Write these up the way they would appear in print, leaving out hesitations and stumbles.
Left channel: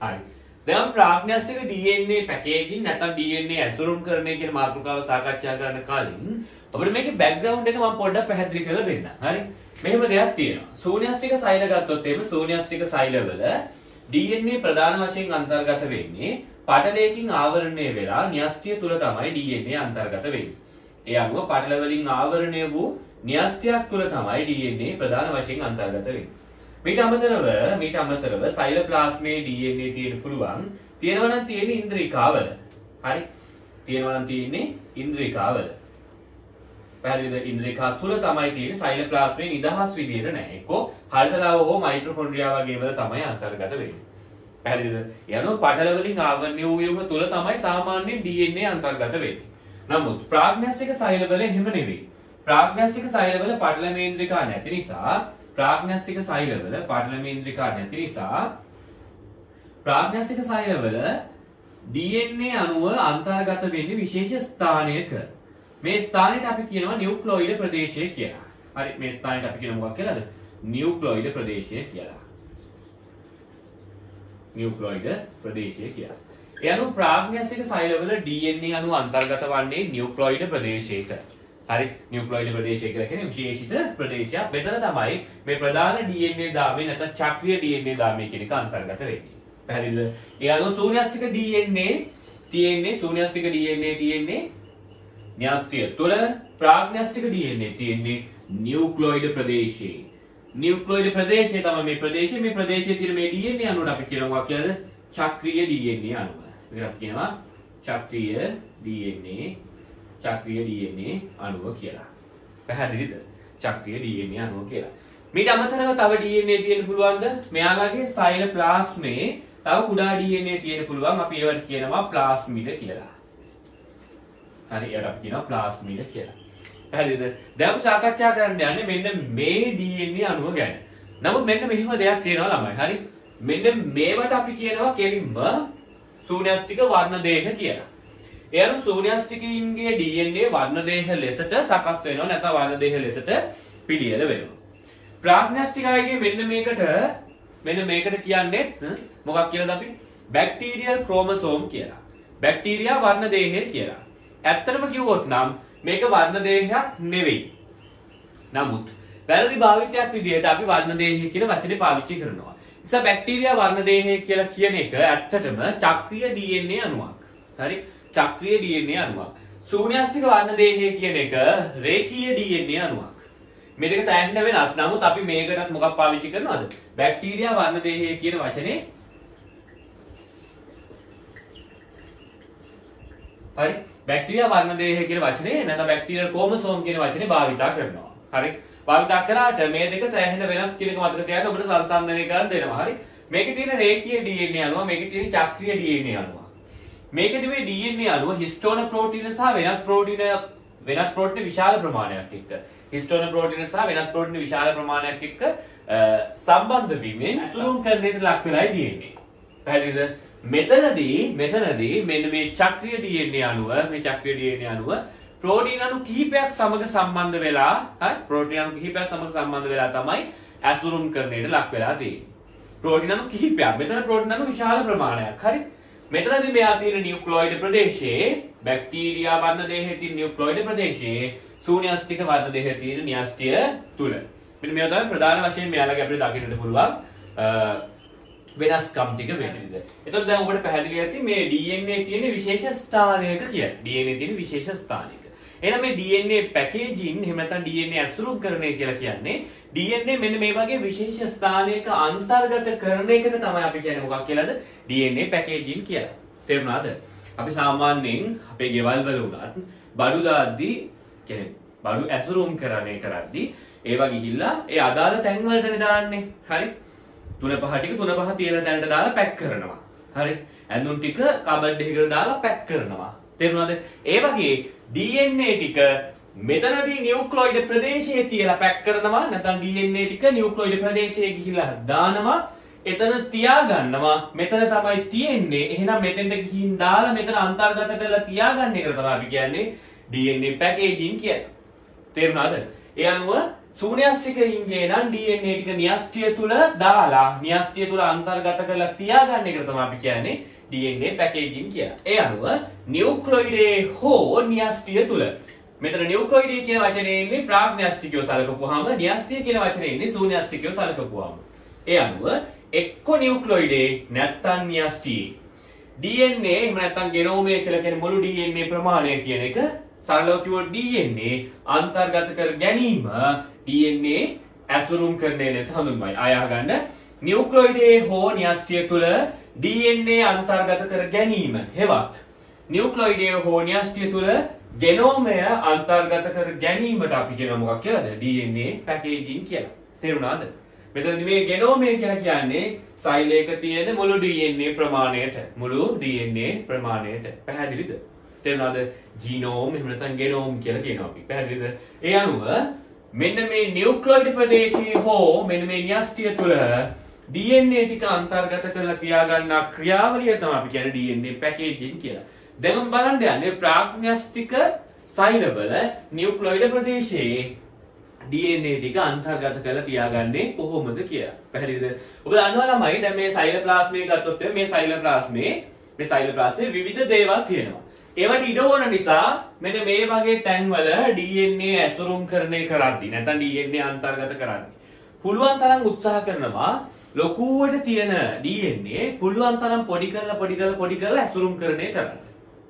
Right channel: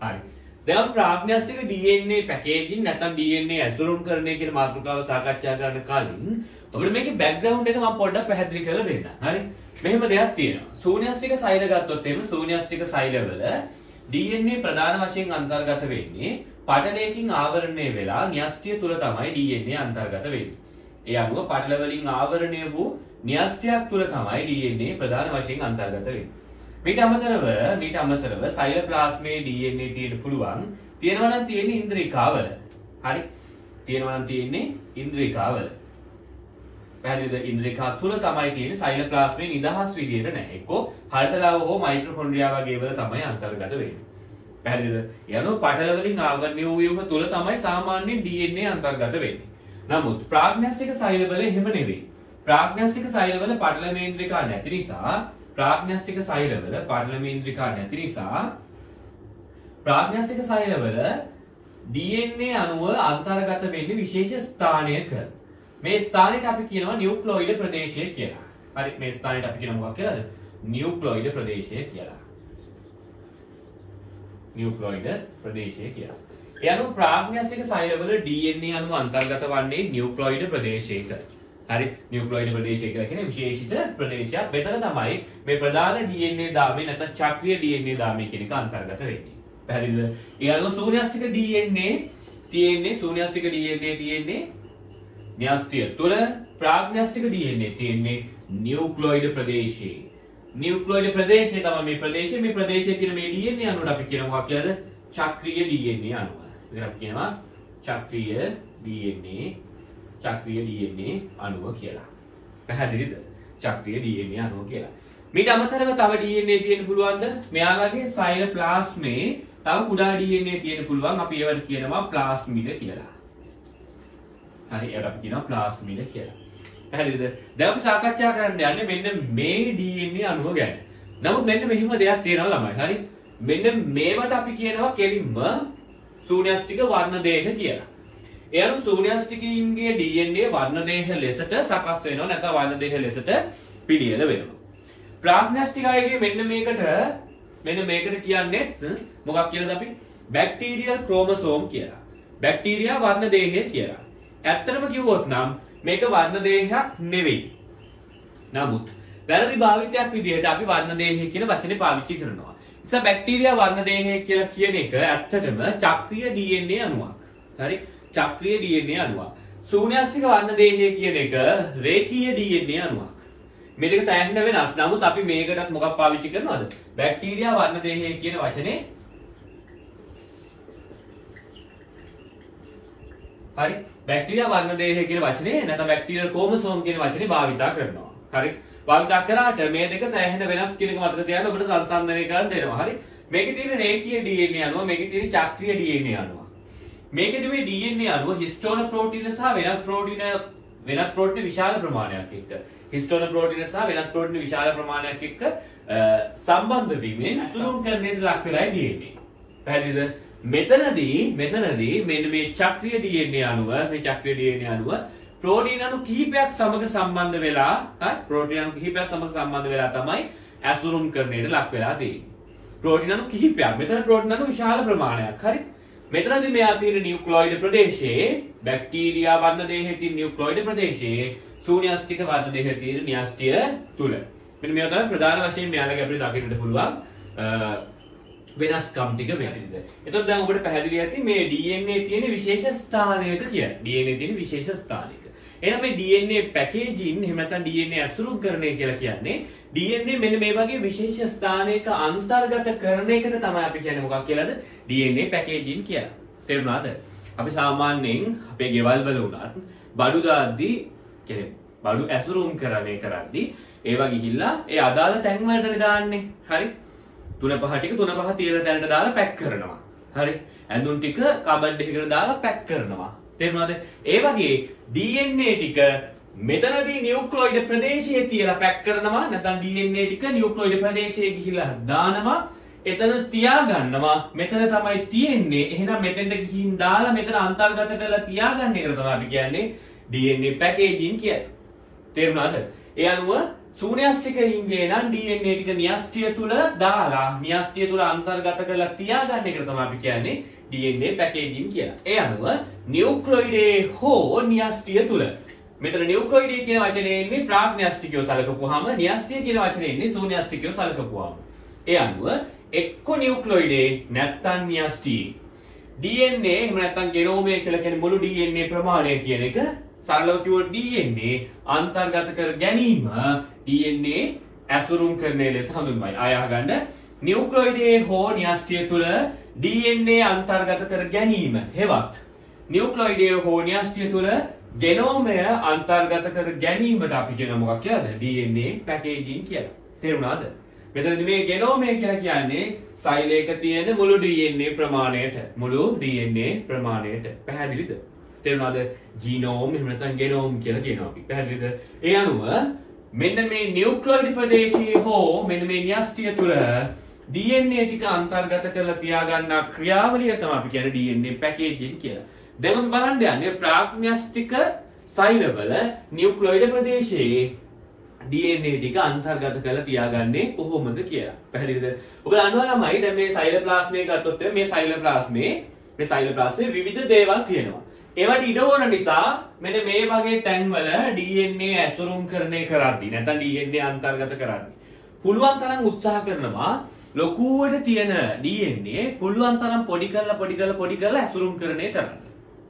හරි. දැන් ප්‍රාග්ඥාස්තික DNA packaging නැත්නම් DNA ඇසුරුම් කරන්නේ කියන මාතෘකාව සාකච්ඡා කරන්න කලින් අපිට මේකේ බෑග්ග්‍රවුන්ඩ් එක මම පොඩ්ඩක් පැහැදිලි කරලා දෙන්නම්. හරි. මෙහෙම දෙයක් තියෙනවා. ශූන්‍යස්තික සෛල ගත්තොත් එහෙම ශූන්‍යස්තික සෛලවල DNA ප්‍රධාන වශයෙන් අන්තර්ගත වෙන්නේ පටලයකින් ආවරණය වෙලා න්‍යෂ්ටිය තුල තමයි DNA අන්තර්ගත වෙන්නේ. ඒ අනුව පටල වලින් ආවරණය වූ න්‍යෂ්ටියක් තුල තමයි DNA ප්‍රධාන වශයෙන් අන්තර්ගත වෙන්නේ. මීට අමතරව සෛලප්ලාස්මයේ DNA තියෙන්න පුළුවන්. තියෙනවා නම් තියෙන්නේ ඉන්ද්‍රිකාවල. හරි. තියෙනවා නම් තියෙන්නේ ඉන්ද්‍රිකාවල. පැහැදිලිද? ඉන්ද්‍රිකා තුල තමයි තියෙන්නේ සෛලප්ලාස්මයේ නිදහස් විදියට නැහැ. එක්කෝ හල්තලාව හෝ මයිටොකොන්ඩ්‍රියා වගේ වල තමයි අන්තර්ගත වෙන්නේ. පැහැදිලිද? යනෝ පටල වලින් ආවරණය වූ ඒවා තුල තමයි සාමාන්‍ය DNA අන්තර්ගත වෙන්නේ. නමුත් ප්‍රාග්ඥාස්තික සෛලවල එහෙම නෙවෙයි. ප්‍රාග්ඥාස්තික සෛලවල පටල මේන්ද්‍රිකා නැති නිසා ප්‍රාග්ඥාස්තික සෛලවල DNA අණුව අන්තර්ගත වෙන්නේ විශේෂ ස්ථානයක. මේ ස්ථානයට අපි කියනවා නියුක්ලොයිඩ් ප්‍රදේශය කියලා. හරි. මේ ස්ථානයට අපි කියනවා මොකක්ද කියලාද? නියුක්ලොයිඩ් ප්‍රදේශය කියලා. නියුක්ලොයිඩ් ප්‍රදේශය කියලා. ඒ අනුව ප්‍රාග්ඥාස්තික සෛලවල DNA අණුව අන්තර්ගත වන්නේ නියුක්ලොයිඩ් ප්‍රදේශයක. හරි. නියුක්ලොයිඩ් ප්‍රදේශය කියලා කියන්නේ විශේෂිත ප්‍රදේශයක්. මෙතන තමයි මේ ප්‍රධාන DNA දාමේ නැත්නම් චක්‍රීය DNA දාමේ කියන එක අන්තර්ගත වෙන්නේ. පැහැදිලිද? ඒ අනුව ශූන්‍යස්තික DNA තියෙන්නේ න්‍යෂ්ටිය තුල, ප්‍රාග්ඥාස්තික DNA තියෙන්නේ නියුක්ලොයිඩ් ප්‍රදේශයේ. නියුක්ලොයිඩ් ප්‍රදේශය තමයි මේ ප්‍රදේශයේ තියෙන මේ DNA අණුවට අපි කියනවා කියලාද? චක්‍රීය DNA අණුව. ඒකට අපි කියනවා චක්‍රීය DNA අණුව කියලා. පැහැදිලිද? චක්‍රීය DNA අණුව කියලා. මීට අමතරව තව DNA තියෙන්න පුළුවන්ද? මෙයාලගේ සෛලප්ලාස්මේ තව කුඩා DNA තියෙන්න පුළුවන්. අපි ඒවට කියනවා ප්ලාස්මිඩ කියලා. හරි. ඒකට අපි කියනවා ප්ලාස්මිඩ කියලා. පැහැදිලිද? දැන් අපි සාකච්ඡා කරන්න යන්නේ මෙන්න මේ DNA අණුව ගැන. නමුත් මෙන්න මෙහිම දෙයක් තියෙනවා ළමයි. හරි. මෙන්න මේවට අපි කියනවා කෙලින්ම ශූන්‍යස්තික වර්ණ දේහ කියලා. ඒ අනුව ශූන්‍යස්තිකයින්ගේ DNA වර්ණ දේහ ලෙසට සකස් වෙනවා නැත්නම් වර්ණ දේහ ලෙසට පිළියෙල වෙනවා. ප්‍රාග්ඥාස්තිකයින්ගේ මෙන්න මේකට කියන්නේ මොකක් කියලාද අපි? බැක්ටීරියල් ක්‍රෝමසෝම් කියලා. බැක්ටීරියා වර්ණ දේහය කියලා. ඇත්තටම කිව්වොත් නම් මේක වර්ණ දේහයක් නෙවෙයි. නමුත් වැරදි භාවිතයක් විදිහට අපි වර්ණ දේහය කියන වචනේ පාවිච්චි කරනවා. නිසා බැක්ටීරියා වර්ණ දේහය කියලා කියන එක ඇත්තටම චක්‍රීය DNA අණුවක්. හරි. චක්‍රීය DNA අණුවක්. ශූන්‍යස්තික වර්ණ දේහය කියන එක රේඛීය DNA අණුවක්. මේ දෙක සෑහෙන වෙනස්. නමුත් අපි මේකටත් මොකක් පාවිච්චි කරනවද? බැක්ටීරියා වර්ණ දේහය කියන වචනේ. හරි. බැක්ටීරියා වර්ණ දේහය කියන වචනේ නැත්නම් බැක්ටීරියල් ක්‍රෝමසෝම් කියන වචනේ භාවිතා කරනවා. හරි. භාවිතා කරාට මේ දෙක සෑහෙන වෙනස් කියන එක මතක තියාගන්න ඔබට සංසන්දනය කරන්න දෙනවා. හරි. මේකේ තියෙන රේඛීය DNA අණුව, මේකේ තියෙන චක්‍රීය DNA අණුව. මේකේදී මේ DNA අණුව හිස්ටෝන ප්‍රෝටීන සහ වෙනත් ප්‍රෝටීන විශාල ප්‍රමාණයක් එක්ක හිස්ටෝන ප්‍රෝටීන සහ වෙනත් ප්‍රෝටීන විශාල ප්‍රමාණයක් එක්ක සම්බන්ධ වීමෙන් අතුරුම් කරන්නට ලක් වෙලායි තියෙන්නේ. පැහැදිලිද? මෙතනදී මෙන්න මේ චක්‍රීය DNA අණුව ප්‍රෝටීන අණු කිහිපයක් සමග සම්බන්ධ වෙලා තමයි ඇසුරුම් කරන්නට ලක් වෙලා තියෙන්නේ. ප්‍රෝටීන අණු කිහිපයක්. මෙතන ප්‍රෝටීන අණු විශාල ප්‍රමාණයක්. හරි. මෙතනදී මෙයා තියෙන නියුක්ලොයිඩ් ප්‍රදේශයේ බැක්ටීරියා වර්ණ දේහයේ තියෙන නියුක්ලොයිඩ් ප්‍රදේශයේ ශූන්‍යස්තික වර්ණ දේහයේ තියෙන න්‍යෂ්ටිය තුල. මෙන්න මේවා තමයි ප්‍රධාන වශයෙන් මෙයාලගේ අපිට දකින්නට පුළුවන් වෙනස්කම් ටික වෙන්නේ. එතකොට දැන් ඔබට පැහැදිලි ඇති මේ DNA තියෙන විශේෂ ස්ථානයක කියලා. DNA තියෙන විශේෂ ස්ථානයක. එහෙනම් මේ DNA පැකේජින් එහෙම නැත්නම් DNA ඇසුරුම් කරන්නේ කියලා කියන්නේ DNA මෙන්න මේ වගේ විශේෂ ස්ථානයක අන්තර්ගත කරන එකට තමයි අපි කියන්නේ මොකක් කියලාද? DNA පැකේජින් කියලා. තේරුණාද? අපි සාමාන්‍යයෙන් අපේ ගෙවල් වල උනත් බඩු දාද්දී කියන්නේ බඩු ඇසුරුම් කරන්නේ ඒවා ගිහිල්ලා ඒ අදාළ තැන් වලටනේ දාන්නේ. හරි? තුන පහ තියෙන තැනට දාලා පැක් කරනවා. හරි? ඇඳුම් ටික කබඩ් එකකට දාලා පැක් කරනවා. තේරුණාද? ඒ වගේ DNA ටික මෙතනදී නියුක්ලොයිඩ් ප්‍රදේශයේ තියලා පැක් කරනවා. නැත්නම් DNA ටික නියුක්ලොයිඩ් ප්‍රදේශයේ ගිහිල්ලා දානවා. එතන තියාගන්නවා. මෙතන තමයි තියෙන්නේ. එහෙනම් මෙතෙන්ට ගිහින් දාලා මෙතන අන්තර්ගත කරලා තියාගන්න එක තමයි අපි කියන්නේ DNA පැකේජින් කියන්නේ. තේරුණාද? ඒ අනුව ශූන්‍යාෂ්ටිකයින්ගේ නම් DNA ටික න්‍යෂ්ටිය තුල දාලා න්‍යෂ්ටිය තුල අන්තර්ගත කරලා තියාගන්න එක තමයි අපි කියන්නේ DNA පැකේජින් කියලා. ඒ අනුව නියුක්ලියොයිඩේ හෝ න්‍යෂ්ටිය තුල මෙතන නියුක්ලියොයිඩේ කියන වචනේ ඉන්නේ ප්‍රාග්න්‍යෂ්ටිකයෝ සලකපුවාම න්‍යෂ්ටිය කියන වචනේ ඉන්නේ ශූන්‍යාෂ්ටිකයෝ සලකපුවාම. ඒ අනුව එක්ක නියුක්ලියොයිඩේ නැත්නම් න්‍යෂ්ටිය DNA එහෙම නැත්නම් ගෙනෝමය කියලා කියන්නේ මුළු DNA ප්‍රමාණය කියන එක සරලව කිව්වොත් DNA අන්තර්ගත කර ගැනීම DNA ඇසුරුම් කරන ලෙස හඳුන්වයි. ආය අහගන්න නියුක්ලියොයිඩේ හෝ න්‍යෂ්ටිය තුල DNA අන්තර්ගත කර ගැනීම හෙවත් නියුක්ලියොයිඩේ හෝ න්‍යෂ්ටිය තුල ගෙනෝමය අන්තර්ගත කර ගැනීමට අපි කියන මොකක් කියලාද? DNA පැකේජින් කියලා. තේරුණාද? මෙතනදී මේ ගෙනෝමය කියලා කියන්නේ සෛලයක තියෙන මුළු DNA ප්‍රමාණයට පැහැදිලිද? තේරුණාද? ජීනෝම් එහෙම නැත්නම් ගෙනෝම් කියලා කියනවා අපි. පැහැදිලිද? ඒ අනුව මෙන්න මේ නියුක්ලියොයිඩ් ප්‍රදේශයේ හෝ මෙන්න මේ න්‍යෂ්ටිය තුළ DNA ටික අන්තර්ගත කරලා තියාගන්න ක්‍රියාවලිය තමයි අපි කියන්නේ DNA පැකේජින් කියලා. දැන් අපි බලන්න යන්නේ ප්‍රාග්න්‍යෂ්ටික සෛලවල නියුක්ලියොයිඩ් ප්‍රදේශයේ DNA ටික අන්තර්ගත කරලා තියාගන්නේ කොහොමද කියලා. පැහැදිලිද? ඔබ දන්නවා ළමයි දැන් මේ සෛලප්ලාස්මය ගත්තොත් මේ සෛලප්ලාස්මේ විවිධ දේවල් තියෙනවා. ඒවට ඉඩ ඕන නිසා මෙන්න මේ වගේ තැන්වල DNA ඇසුරුම් කරන්නේ කරද්දී නැත්නම් DNA අන්තර්ගත කරද්දී පුළුවන් තරම් උත්සාහ කරනවා ලොකුවට තියෙන DNA පුළුවන් තරම් පොඩි කරලා ඇසුරුම් කරන්නේ කරන්න.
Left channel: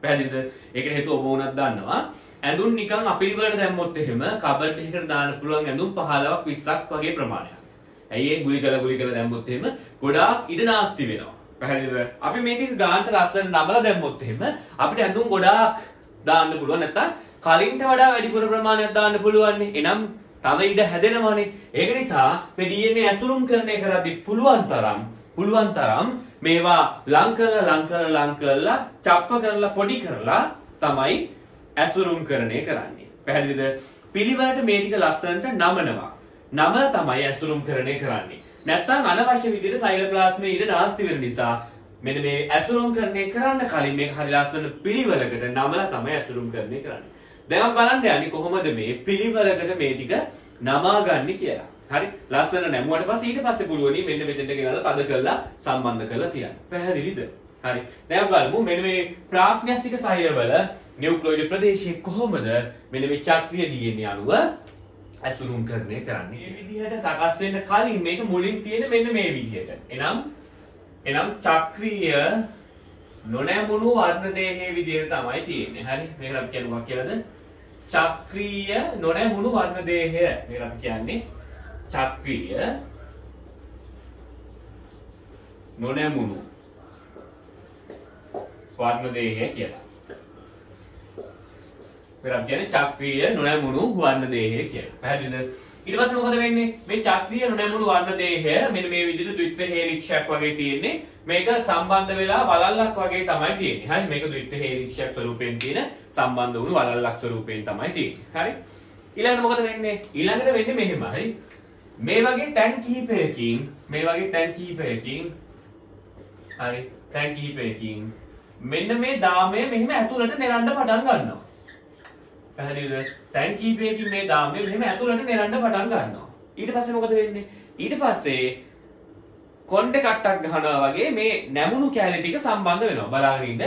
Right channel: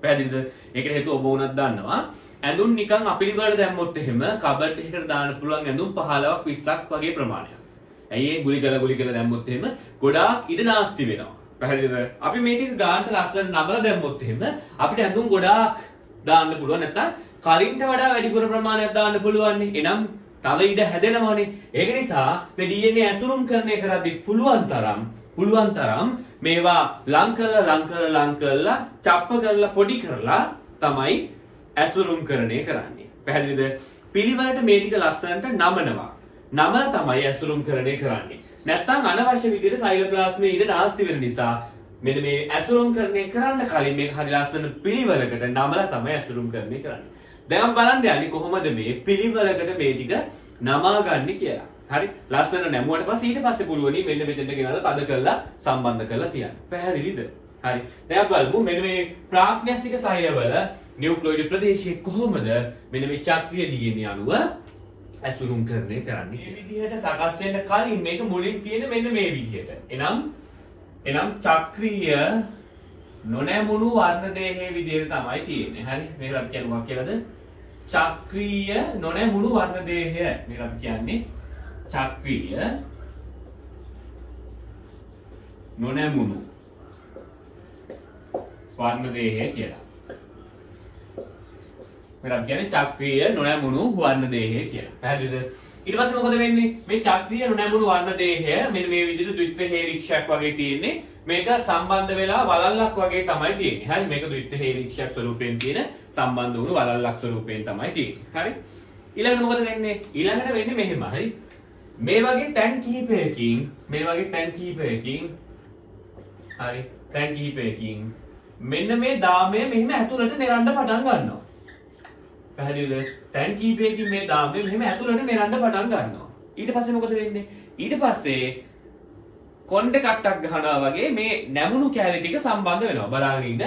පැහැදිලිද? ඒකට හේතුව ඔබ වුණත් දන්නවා. ඇඳුම් නිකන් අපිරිවලට දැම්මොත් එහෙම කබඩ් එකකට දාන්න පුළුවන් ඇඳුම් 15ක් 20ක් වගේ ප්‍රමාණයක්. ඇයි ඒ ගුලි කරලා දැම්මොත් එහෙම ගොඩාක් ඉඩ නාස්ති වෙනවා. පැහැදිලිද? අපි මේ ටික ගානට ලස්සනට නමලා දැම්මොත් එහෙම අපිට ඇඳුම් ගොඩාක් දාන්න පුළුවන්. නැත්නම් කලින්ට වඩා වැඩිපුර ප්‍රමාණයක් දාන්න පුළුවන්. එනම් තව ඉඩ හැදෙනවානේ. ඒක නිසා මේ DNA ඇසුරුම් කරන එක කරද්දී පුළුවන් තරම් මේවා ලං කරලා චප්ප කරලා පොඩි කරලා තමයි ඇසුරුම් කරන්නේ කරන්නේ. පැහැදිලිද? පිළිවෙලට මේ ටික ලස්සනට නමනවා. නමලා තමයි ඇසුරුම් කරන්නේ කරන්නේ. නැත්තම් අනවශ්‍ය විදිහට සෛලප්ලාස්මයේ ඉඳ නාස්ති වෙන නිසා මෙන්න මේ ඇසුරුම් කරන්නේ කරන්න කලින් මේක හරි ලස්සන පිළිවෙලකට නමලා තමයි ඇසුරුම් කරන්නේ කරන්නේ. දැන් බලන්න යන්නේ කොහොමද මේ පිළිවෙලකට මේ ටික නමාගන්නේ කියලා. හරි ලස්සන නැමුවට පස්සේ ඊට පස්සේ පුළුවනි මෙන්න මෙතෙන්ට ගෙනල්ලා තද කරලා සම්බන්ධ කරලා තියන්න. පැහැදිලිද? හරි. දැන් බලමු මෙන්න මේ ප්‍රාග්න්‍යෂ්ටික සෛලවල නියුක්ලියොයිඩ් ප්‍රදේශයේ කොහොමද මෙන්න මේ චක්‍රීය DNA අණුව ඇසුරුම් කරන්නේ කරන්නේ කියන විදිහට සකස් වෙන්න කලින් මේක මුලින් තියෙන මෙන්න මේ විදිහට. එනම් චක්‍රීය නොනැමුණු වර්ණ දේහයේ විදිහට තමයි තියෙන්නේ. හරි. මේක අපි කියන්නේ මොකක් කියලාද? චක්‍රීය නොනැමුණු වර්ණ දේහය. මේක අපි කියන්නේ චක්‍රීය නොනැමුණු වර්ණ දේහය කියලා. මේක අපි කියන්නේ චක්‍රීය නොනැමුණු වර්ණ දේහය කියලා. පැහැදිලිද? ඊට පස්සේ මොකද වෙන්නේ? මේ චක්‍රීය නොනැමුණු වර්ණ දේහය මෙන්න මේ විදිහට ද්විත්ව හේලික්ෂයක් වගේ තියෙන්නේ. මේක සම්බන්ධ වෙලා වලල්ලක් වගේ තමයි තියෙන්නේ. හරි. මේක ද්විත්ව හේලික්ෂයක් ස්වරූපයෙන් තියෙන සම්බන්ධ වුණු වලල්ලක් ස්වරූපයෙන් තමයි තියෙන්නේ. හරි. ඊළඟට මොකද වෙන්නේ? ඊළඟට වෙන්නේ මෙහෙම. හරි. මේ වගේ තැන් කිහිපයකින් හරි. තැන් කිහිපයකින් මෙන්න මේ දාමය මෙහෙම ඇතුළට නෙරන්න පටන් ගන්නවා. පැහැදිලිද? තැන් කිහිපයකින් මේ දාමය මෙහෙම ඇතුළට නෙරන්න පටන් ගන්නවා. ඊට පස්සේ මොකද වෙන්නේ? ඊට පස්සේ කොණ්ඩේ කට්ටක් ගහනවා වගේ මේ නැමුණු කැලි ටික සම්බන්ධ වෙනවා. බලන්න ඉන්න.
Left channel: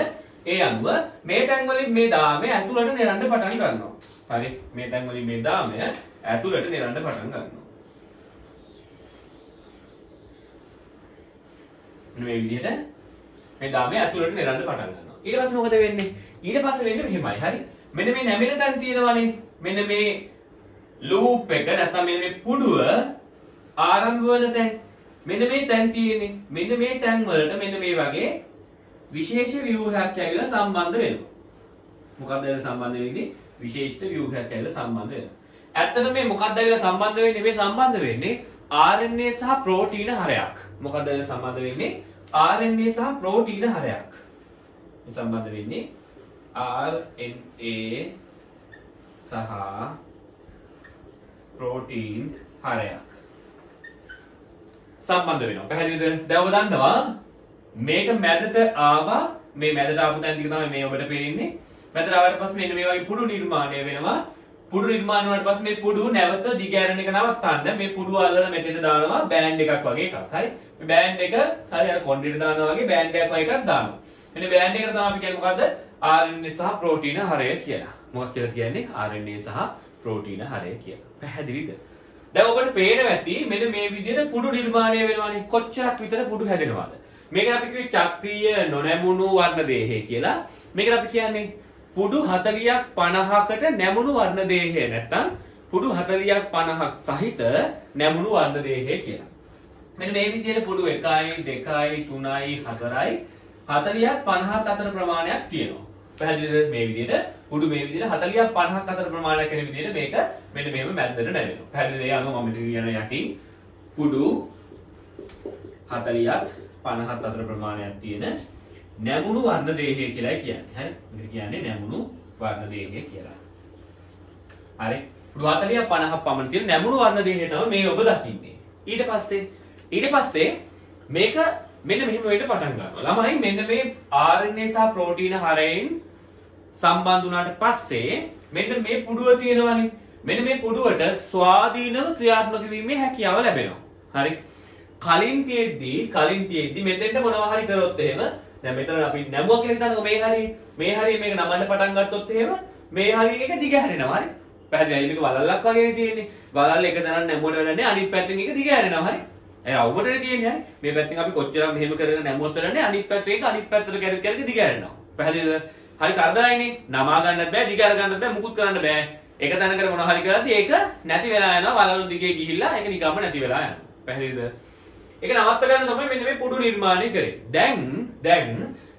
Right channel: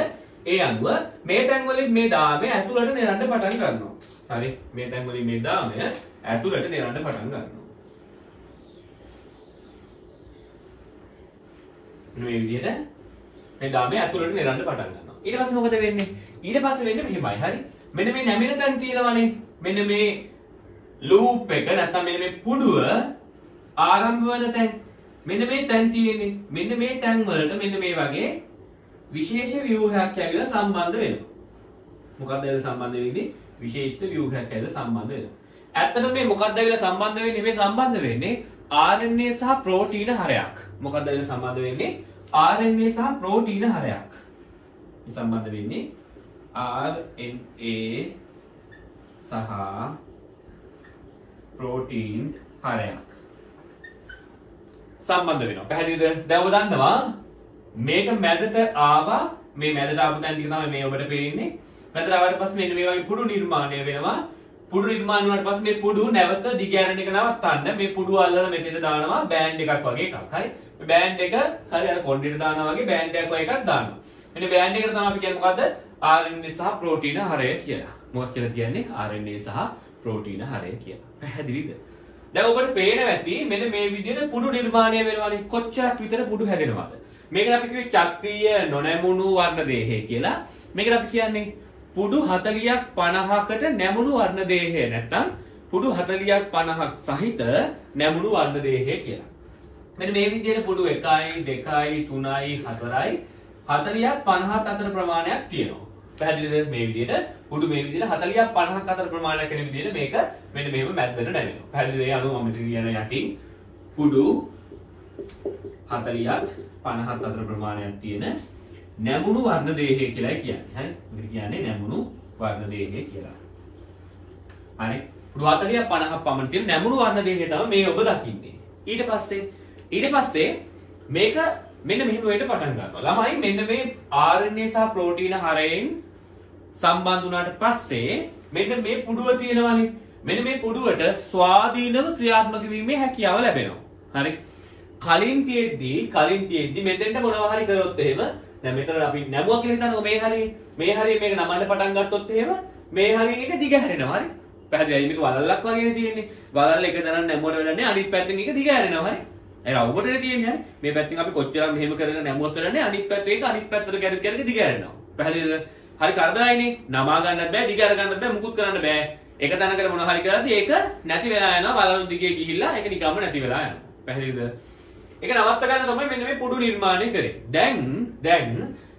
ඒ අනුව මේ තැන් වලින් මේ දාමය ඇතුළට නෙරන්න පටන් ගන්නවා. හරි. මේ තැන් වලින් මේ දාමය ඇතුළට නෙරන්න පටන් ගන්නවා. මේ විදිහට මේ දාමය ඇතුළට නෙරන්න පටන් ගන්නවා. ඊට පස්සේ මොකද වෙන්නේ? ඊට පස්සේ වෙන්නේ මෙහෙමයි. හරි. මෙන්න මේ නැමෙන තැන් තියෙනවානේ. මෙන්න මේ ලූප් එක නැත්නම් මෙන්න මේ පුඩුව ආරම්භ වන තැන්. මෙන්න මේ තැන් තියෙන්නේ. මෙන්න මේ තැන් වලට මෙන්න මේ වගේ විශේෂ ව්‍යුහයක් ඇවිල්ලා සම්බන්ධ වෙනවා. මොකක්ද ඇවිල්ලා සම්බන්ධ වෙන්නේ? විශේෂ ව්‍යුහයක් ඇවිල්ලා සම්බන්ධ වෙනවා. ඇත්තටම මේ මොකක්ද ඇවිල්ලා සම්බන්ධ වෙන්නේ? මේ සම්බන්ධ වෙන්නේ RNA සහ ප්‍රෝටීන හරයක්. මොකක්ද ඇවිල්ලා සම්බන්ධ වෙන්නේ? RNA සහ ප්‍රෝටීන හරයක්. මේ සම්බන්ධ වෙන්නේ RNA සහ ප්‍රෝටීන් හරයක් සම්බන්ධ වෙනවා. පැහැදිලිද? දැන් ඔබ දන්නවා මේක මැදට ආවා. මේ මැදට ආපු තැන ටික තමයි මේ ඔබට පේන්නේ. මැදට ආවට පස්සේ මෙන්න මේ වගේ පුඩු නිර්මාණය වෙනවා. පුඩු නිර්මාණය වුණාට පස්සේ මේ පුඩු නැවත දිගෑරෙන එක නවත්තන්න මේ පුඩුව අල්ලලා මෙතන දානවා බෑන්ඩ් එකක් වගේ එකක්. හරි. මේ බෑන්ඩ් එක හරි අර කොණ්ඩෙට දානවා වගේ බෑන්ඩ් එකක් වගේ එකක් දානවා. මෙන්න බෑන්ඩ් එකට තමයි අපි කියන්නේ මොකද්ද? RNA සහ ප්‍රෝටීන හරය කියලා. මොකක්ද කියලා කියන්නේ? RNA සහ ප්‍රෝටීන හරය කියලා. පැහැදිලිද? දැන් ඔබට පේනවා ඇති මෙන්න මේ විදිහට පුඩු නිර්මාණය වෙනවානේ. කොච්චරක් විතර පුඩු හැදෙනවද? මේකට අපි කිව්වේ චක්‍රීය නොනැමුණු වර්ණ දේහය කියලා. මේකට අපි කියන්නේ පුඩු 40ක් 50කට නැමුණු වර්ණ දේහය නැත්නම් පුඩු 40ක් 50ක් සහිත නැමුණු වර්ණ දේහය කියලා. මෙන්න මේ විදිහට පුඩු 1යි 2යි 3යි 4යි 40ක් 50ක් අතර ප්‍රමාණයක් තියෙනවා. පැහැදිලිද? මේ විදිහට පුඩු මේ විදිහට 40ක් 50ක් අතර ප්‍රමාණයක් වෙන විදිහට මේක මෙන්න මෙහෙම මැද්දට නැවෙනවා. පැහැදිලිද? ඒ අනුව මම කියන යටින් පුඩු 40ක් 50ක් අතර ප්‍රමාණයක් තියෙන නැමුණු වර්ණ දේහය කියලා කියන්නේ. හරි? මේක කියන්නේ නැමුණු වර්ණ දේහය කියලා. හරි? පුඩු 40ක් 50ක් පමණ තියෙන නැමුණු වර්ණ දේහය තමයි මේ ඔබ දකින්නේ. ඊට පස්සේ මේක මෙන්න මෙහෙම වෙන්න පටන් ගන්නවා. ළමයි මෙන්න මේ RNA සහ ප්‍රෝටීන හරයෙන් සම්බන්ධ වුණාට පස්සේ මෙන්න මේ පුඩුව තියෙනවනේ. මෙන්න මේ පුඩුවට ස්වාධීනව ක්‍රියාත්මක වීමේ හැකියාව ලැබෙනවා. හරි? කලින් තියෙද්දි මෙතෙන්ට මොනවා හරි කරොත් එහෙම දැන් මෙතන අපි නැමුවා කියලා හිතන්නකො මේ හරිය මේක නමන්න පටන් ගත්තොත් එහෙම මේ හරිය එක දිග හැරෙනවා. හරි? පැහැදිලියි. මේක වලල්ලක් වගේනේ තියෙන්නේ. වලල්ල එක දරන්න නැමුවට වෙලන්නේ අනිත් පැත්තෙන් එක දිග හැරෙනවා. හරි? ඒ අවුමටනේ තියෙන්නේ. හරි? මේ පැත්තෙන් අපි කොච්චර මෙහෙම කරගෙන නැමුවත් වෙලන්නේ අනිත් පැත්තේ එක අනිත් පැත්තට කැරි දිග හැරෙනවා. පැහැදිලිද? හරි කරදරයිනේ. නමා ගන්නත් බෑ, දිග අර ගන්නත් බෑ, මුකුත් කරන්න බෑ. එක තැනකට මොනවා හරි කරද්දී ඒක නැති වෙලා යනවා. වලල්ල දිගේ ගිහිල්ලා ඒක නිකම්ම නැති වෙලා යනවා. පැහැදිලිද? ඒක නවත්ත ගන්න තමයි මෙන්න මේ පුඩු නිර්මාණය කරේ. දැන්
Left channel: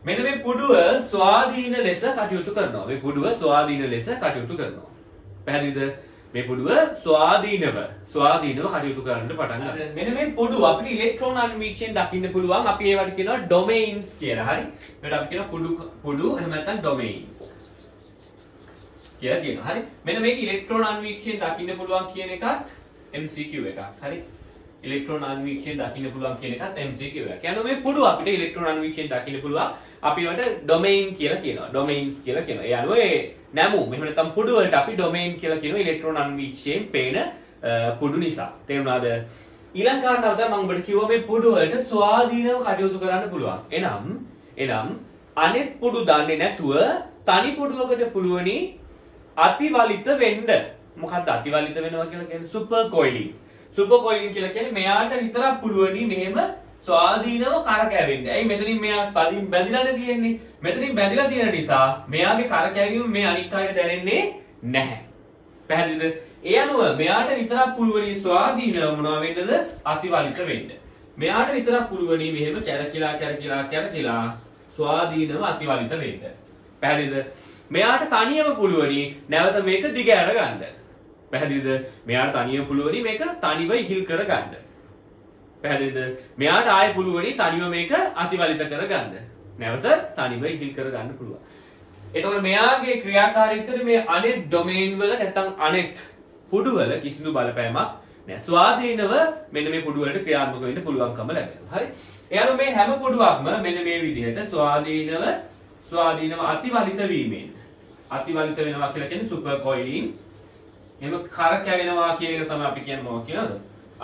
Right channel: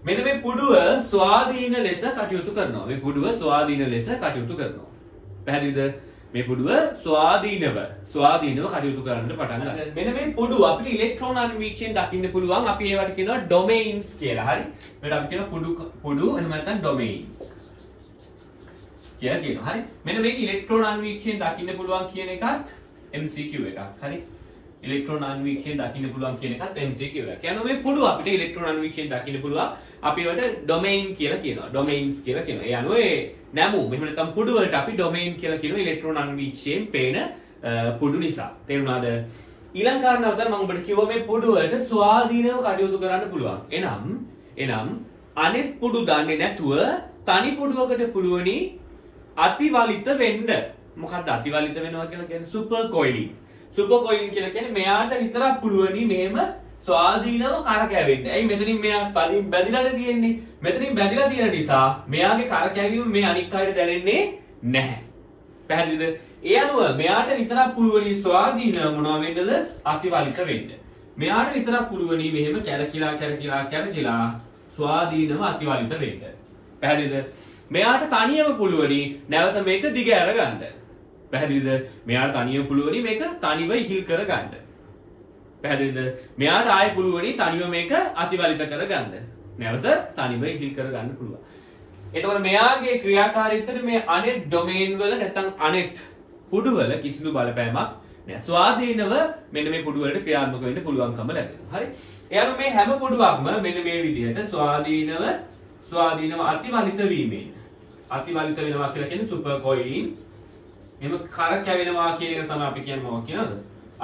මෙන්න මේ පුඩුව ස්වාධීන ලෙස කටයුතු කරනවා. මේ පුඩුව ස්වාධීන ලෙස කටයුතු කරනවා. පැහැදිලිද? මේ පුඩුව ස්වාධීනව කටයුතු කරන්න පටන් ගන්නවා. මෙන්න මේ පුඩුව අපිට ඉලෙක්ට්‍රෝන අන්වීක්ෂයෙන් දකින්න පුළුවන්. අපි ඒවට කියනවා ඩොමේන්ස් කියලා. හරි? මේකට අපි කියනවා පුඩු එහෙම නැත්නම් ඩොමේන්ස් කියලා කියනවා. හරි? මෙන්න මේක ඉලෙක්ට්‍රෝන අන්වීක්ෂයෙන් දකින්න පුළුවන් කියන එකත් MCQ එකක්. හරි? ඉලෙක්ට්‍රෝන අන්වීක්ෂයෙන් දකින්න පුළුවන් කියන එකත් MCQ එකක්. යනවා මේ පුඩුව අපිට ඉලෙක්ට්‍රෝන අන්වීක්ෂයෙන් දකින්න පුළුවන්. අපි ඒවට ඩොමේන් කියලා කියනවා. ඩොමේන්ස් කියලා කියනවා. ඒ අනුව ඒ නැමු මෙහෙම නැත්නම් පුඩු වලට අපි ඩොමේන් කියලා කියනවා ඉලෙක්ට්‍රෝන අන්වීක්ෂයෙන් පේන පුඩු නිසා. තේරුණාද? ඊළඟ කාරණාව තමයි මම ඔබට කිව්වා මේ පුඩු වලට ස්වාධීනව කටයුතු කරන්න පුළුවන්. එනම් අනෙක් පුඩු දන්නේ නැතුව තනි පුඩුවකට පුළුවනි අතිවලිත වෙන්න. මොකක්ද අතිවලිත වෙනවා කියලා කියන්නේ? සුපර් කොයිලින්. සුපර් කොයිලින් කියලා කියන්නේ මෙයාට විතරක් පුළුවනි මෙහෙම ස්වාධීනව කරකැවෙන්න. ඇයි මෙතනින් මෙයා තලින් බැඳිලානේ තියෙන්නේ. මෙතනින් බැඳිලා තියෙන නිසා මෙයාගේ කරකැවීම මේ අනික් අයට දැනෙන්නේ නැහැ. පැහැදිලිද? ඒ අනුව මෙයාට විතරක් පුළුවනි ස්වාධීනව මොනවා වෙන්නද? අතිවලිත වෙන්න. මෙයාට විතරක් පුළුවනි මෙහෙම කැරකිලා ස්වාධීනව අතිවලිත වෙන්න. පැහැදිලිද? මෙයාට තනියම පුළුවනි නැවත මේක දිග අරගන්න. පැහැදිලිද? මෙයාට තනියම පුළුවනි මේක තනිව ඉහිල් කරගන්න. පැහැදිලිද? මෙයාට ආයෙ පුළුවනි තනිව මේක අතිවලිත කරගන්න. නැවත තනිව ඉහිල් කරගන්න පුළුවන්. එතකොට මෙයාගේ ක්‍රියාකාරීත්වයට මේ අනෙත් ඩොමේන් වල නැත්නම් අනෙත් පුඩු වල කිසිදු බලපෑමක් නැහැ. ස්වාධීනව මෙන්න මේ පුඩු වලට ක්‍රියාත්මක වෙන්න පුළුවන්කම ලැබෙනවා. හරි? එයාලු මේ හැම පුඩුවක්ම මෙන්න මේ විදිහට ස්වාධීනව අතිවලිත වීමෙන් අතිවලිත වෙනවා කියලා කියන්නේ සුපර් කොයිලින්. එහෙම කරකැවෙනවා කියන එක තමයි අපි කියන්නේ මොකක්ද කියලාද?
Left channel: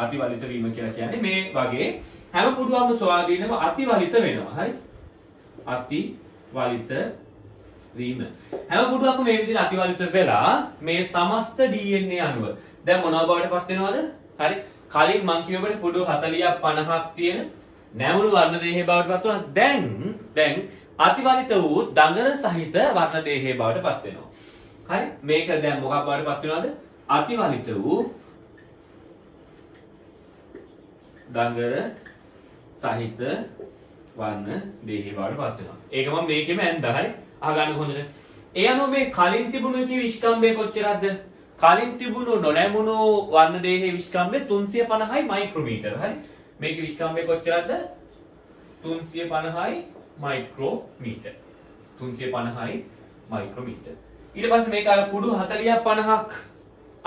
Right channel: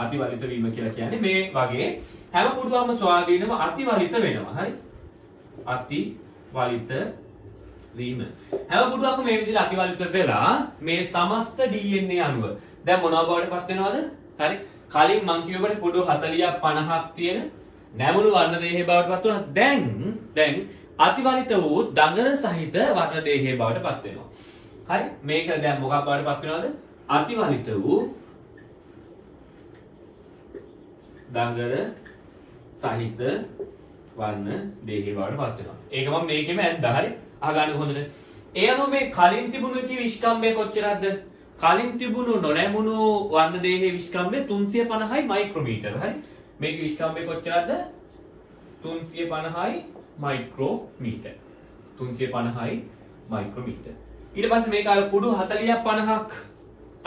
අතිවලිත වීම කියලා කියන්නේ මේ වගේ හැම පුඩුවක්ම ස්වාධීනව අතිවලිත වෙනවා. හරි? අතිවලිත වීම. හැම පුඩුවක්ම මේ විදිහට අතිවලිත වෙලා මේ සමස්ත DNA අණුව දැන් මොනවා බවට පත් වෙනවද? හරි? කලින් මං කියවපුවට පුඩු 40ක් 50ක් තියෙන නැමුණු වර්ණ දේහය බවට පත් වුණා. දැන් අතිවලිත වූ දඟර සහිත වර්ණ දේහය බවට පත් වෙනවා. හරි? මේක දැන් මොකක් බවට පත් වෙනවද? අතිවලිත වූ දඟර සහිත වර්ණ දේහය බවට පත් වෙනවා. ඒක මම මේකෙම ඇන්දා. හරි? අහගන්න හොඳට. ඒ අනුව මේ කලින් තිබුණු කී විස්කම්බය කොච්චරද? කලින් තිබුණු නොනැමුණු වර්ණ දේහයේ විස්කම්බය 350යි මයික්‍රෝමීටර. හරි? මේකේ විස්කම්බය කොච්චරද? 350යි මයික්‍රෝමීටර. 350යි මයික්‍රෝමීටර. ඊට පස්සේ මේක අර කුඩු 40ක් 50ක්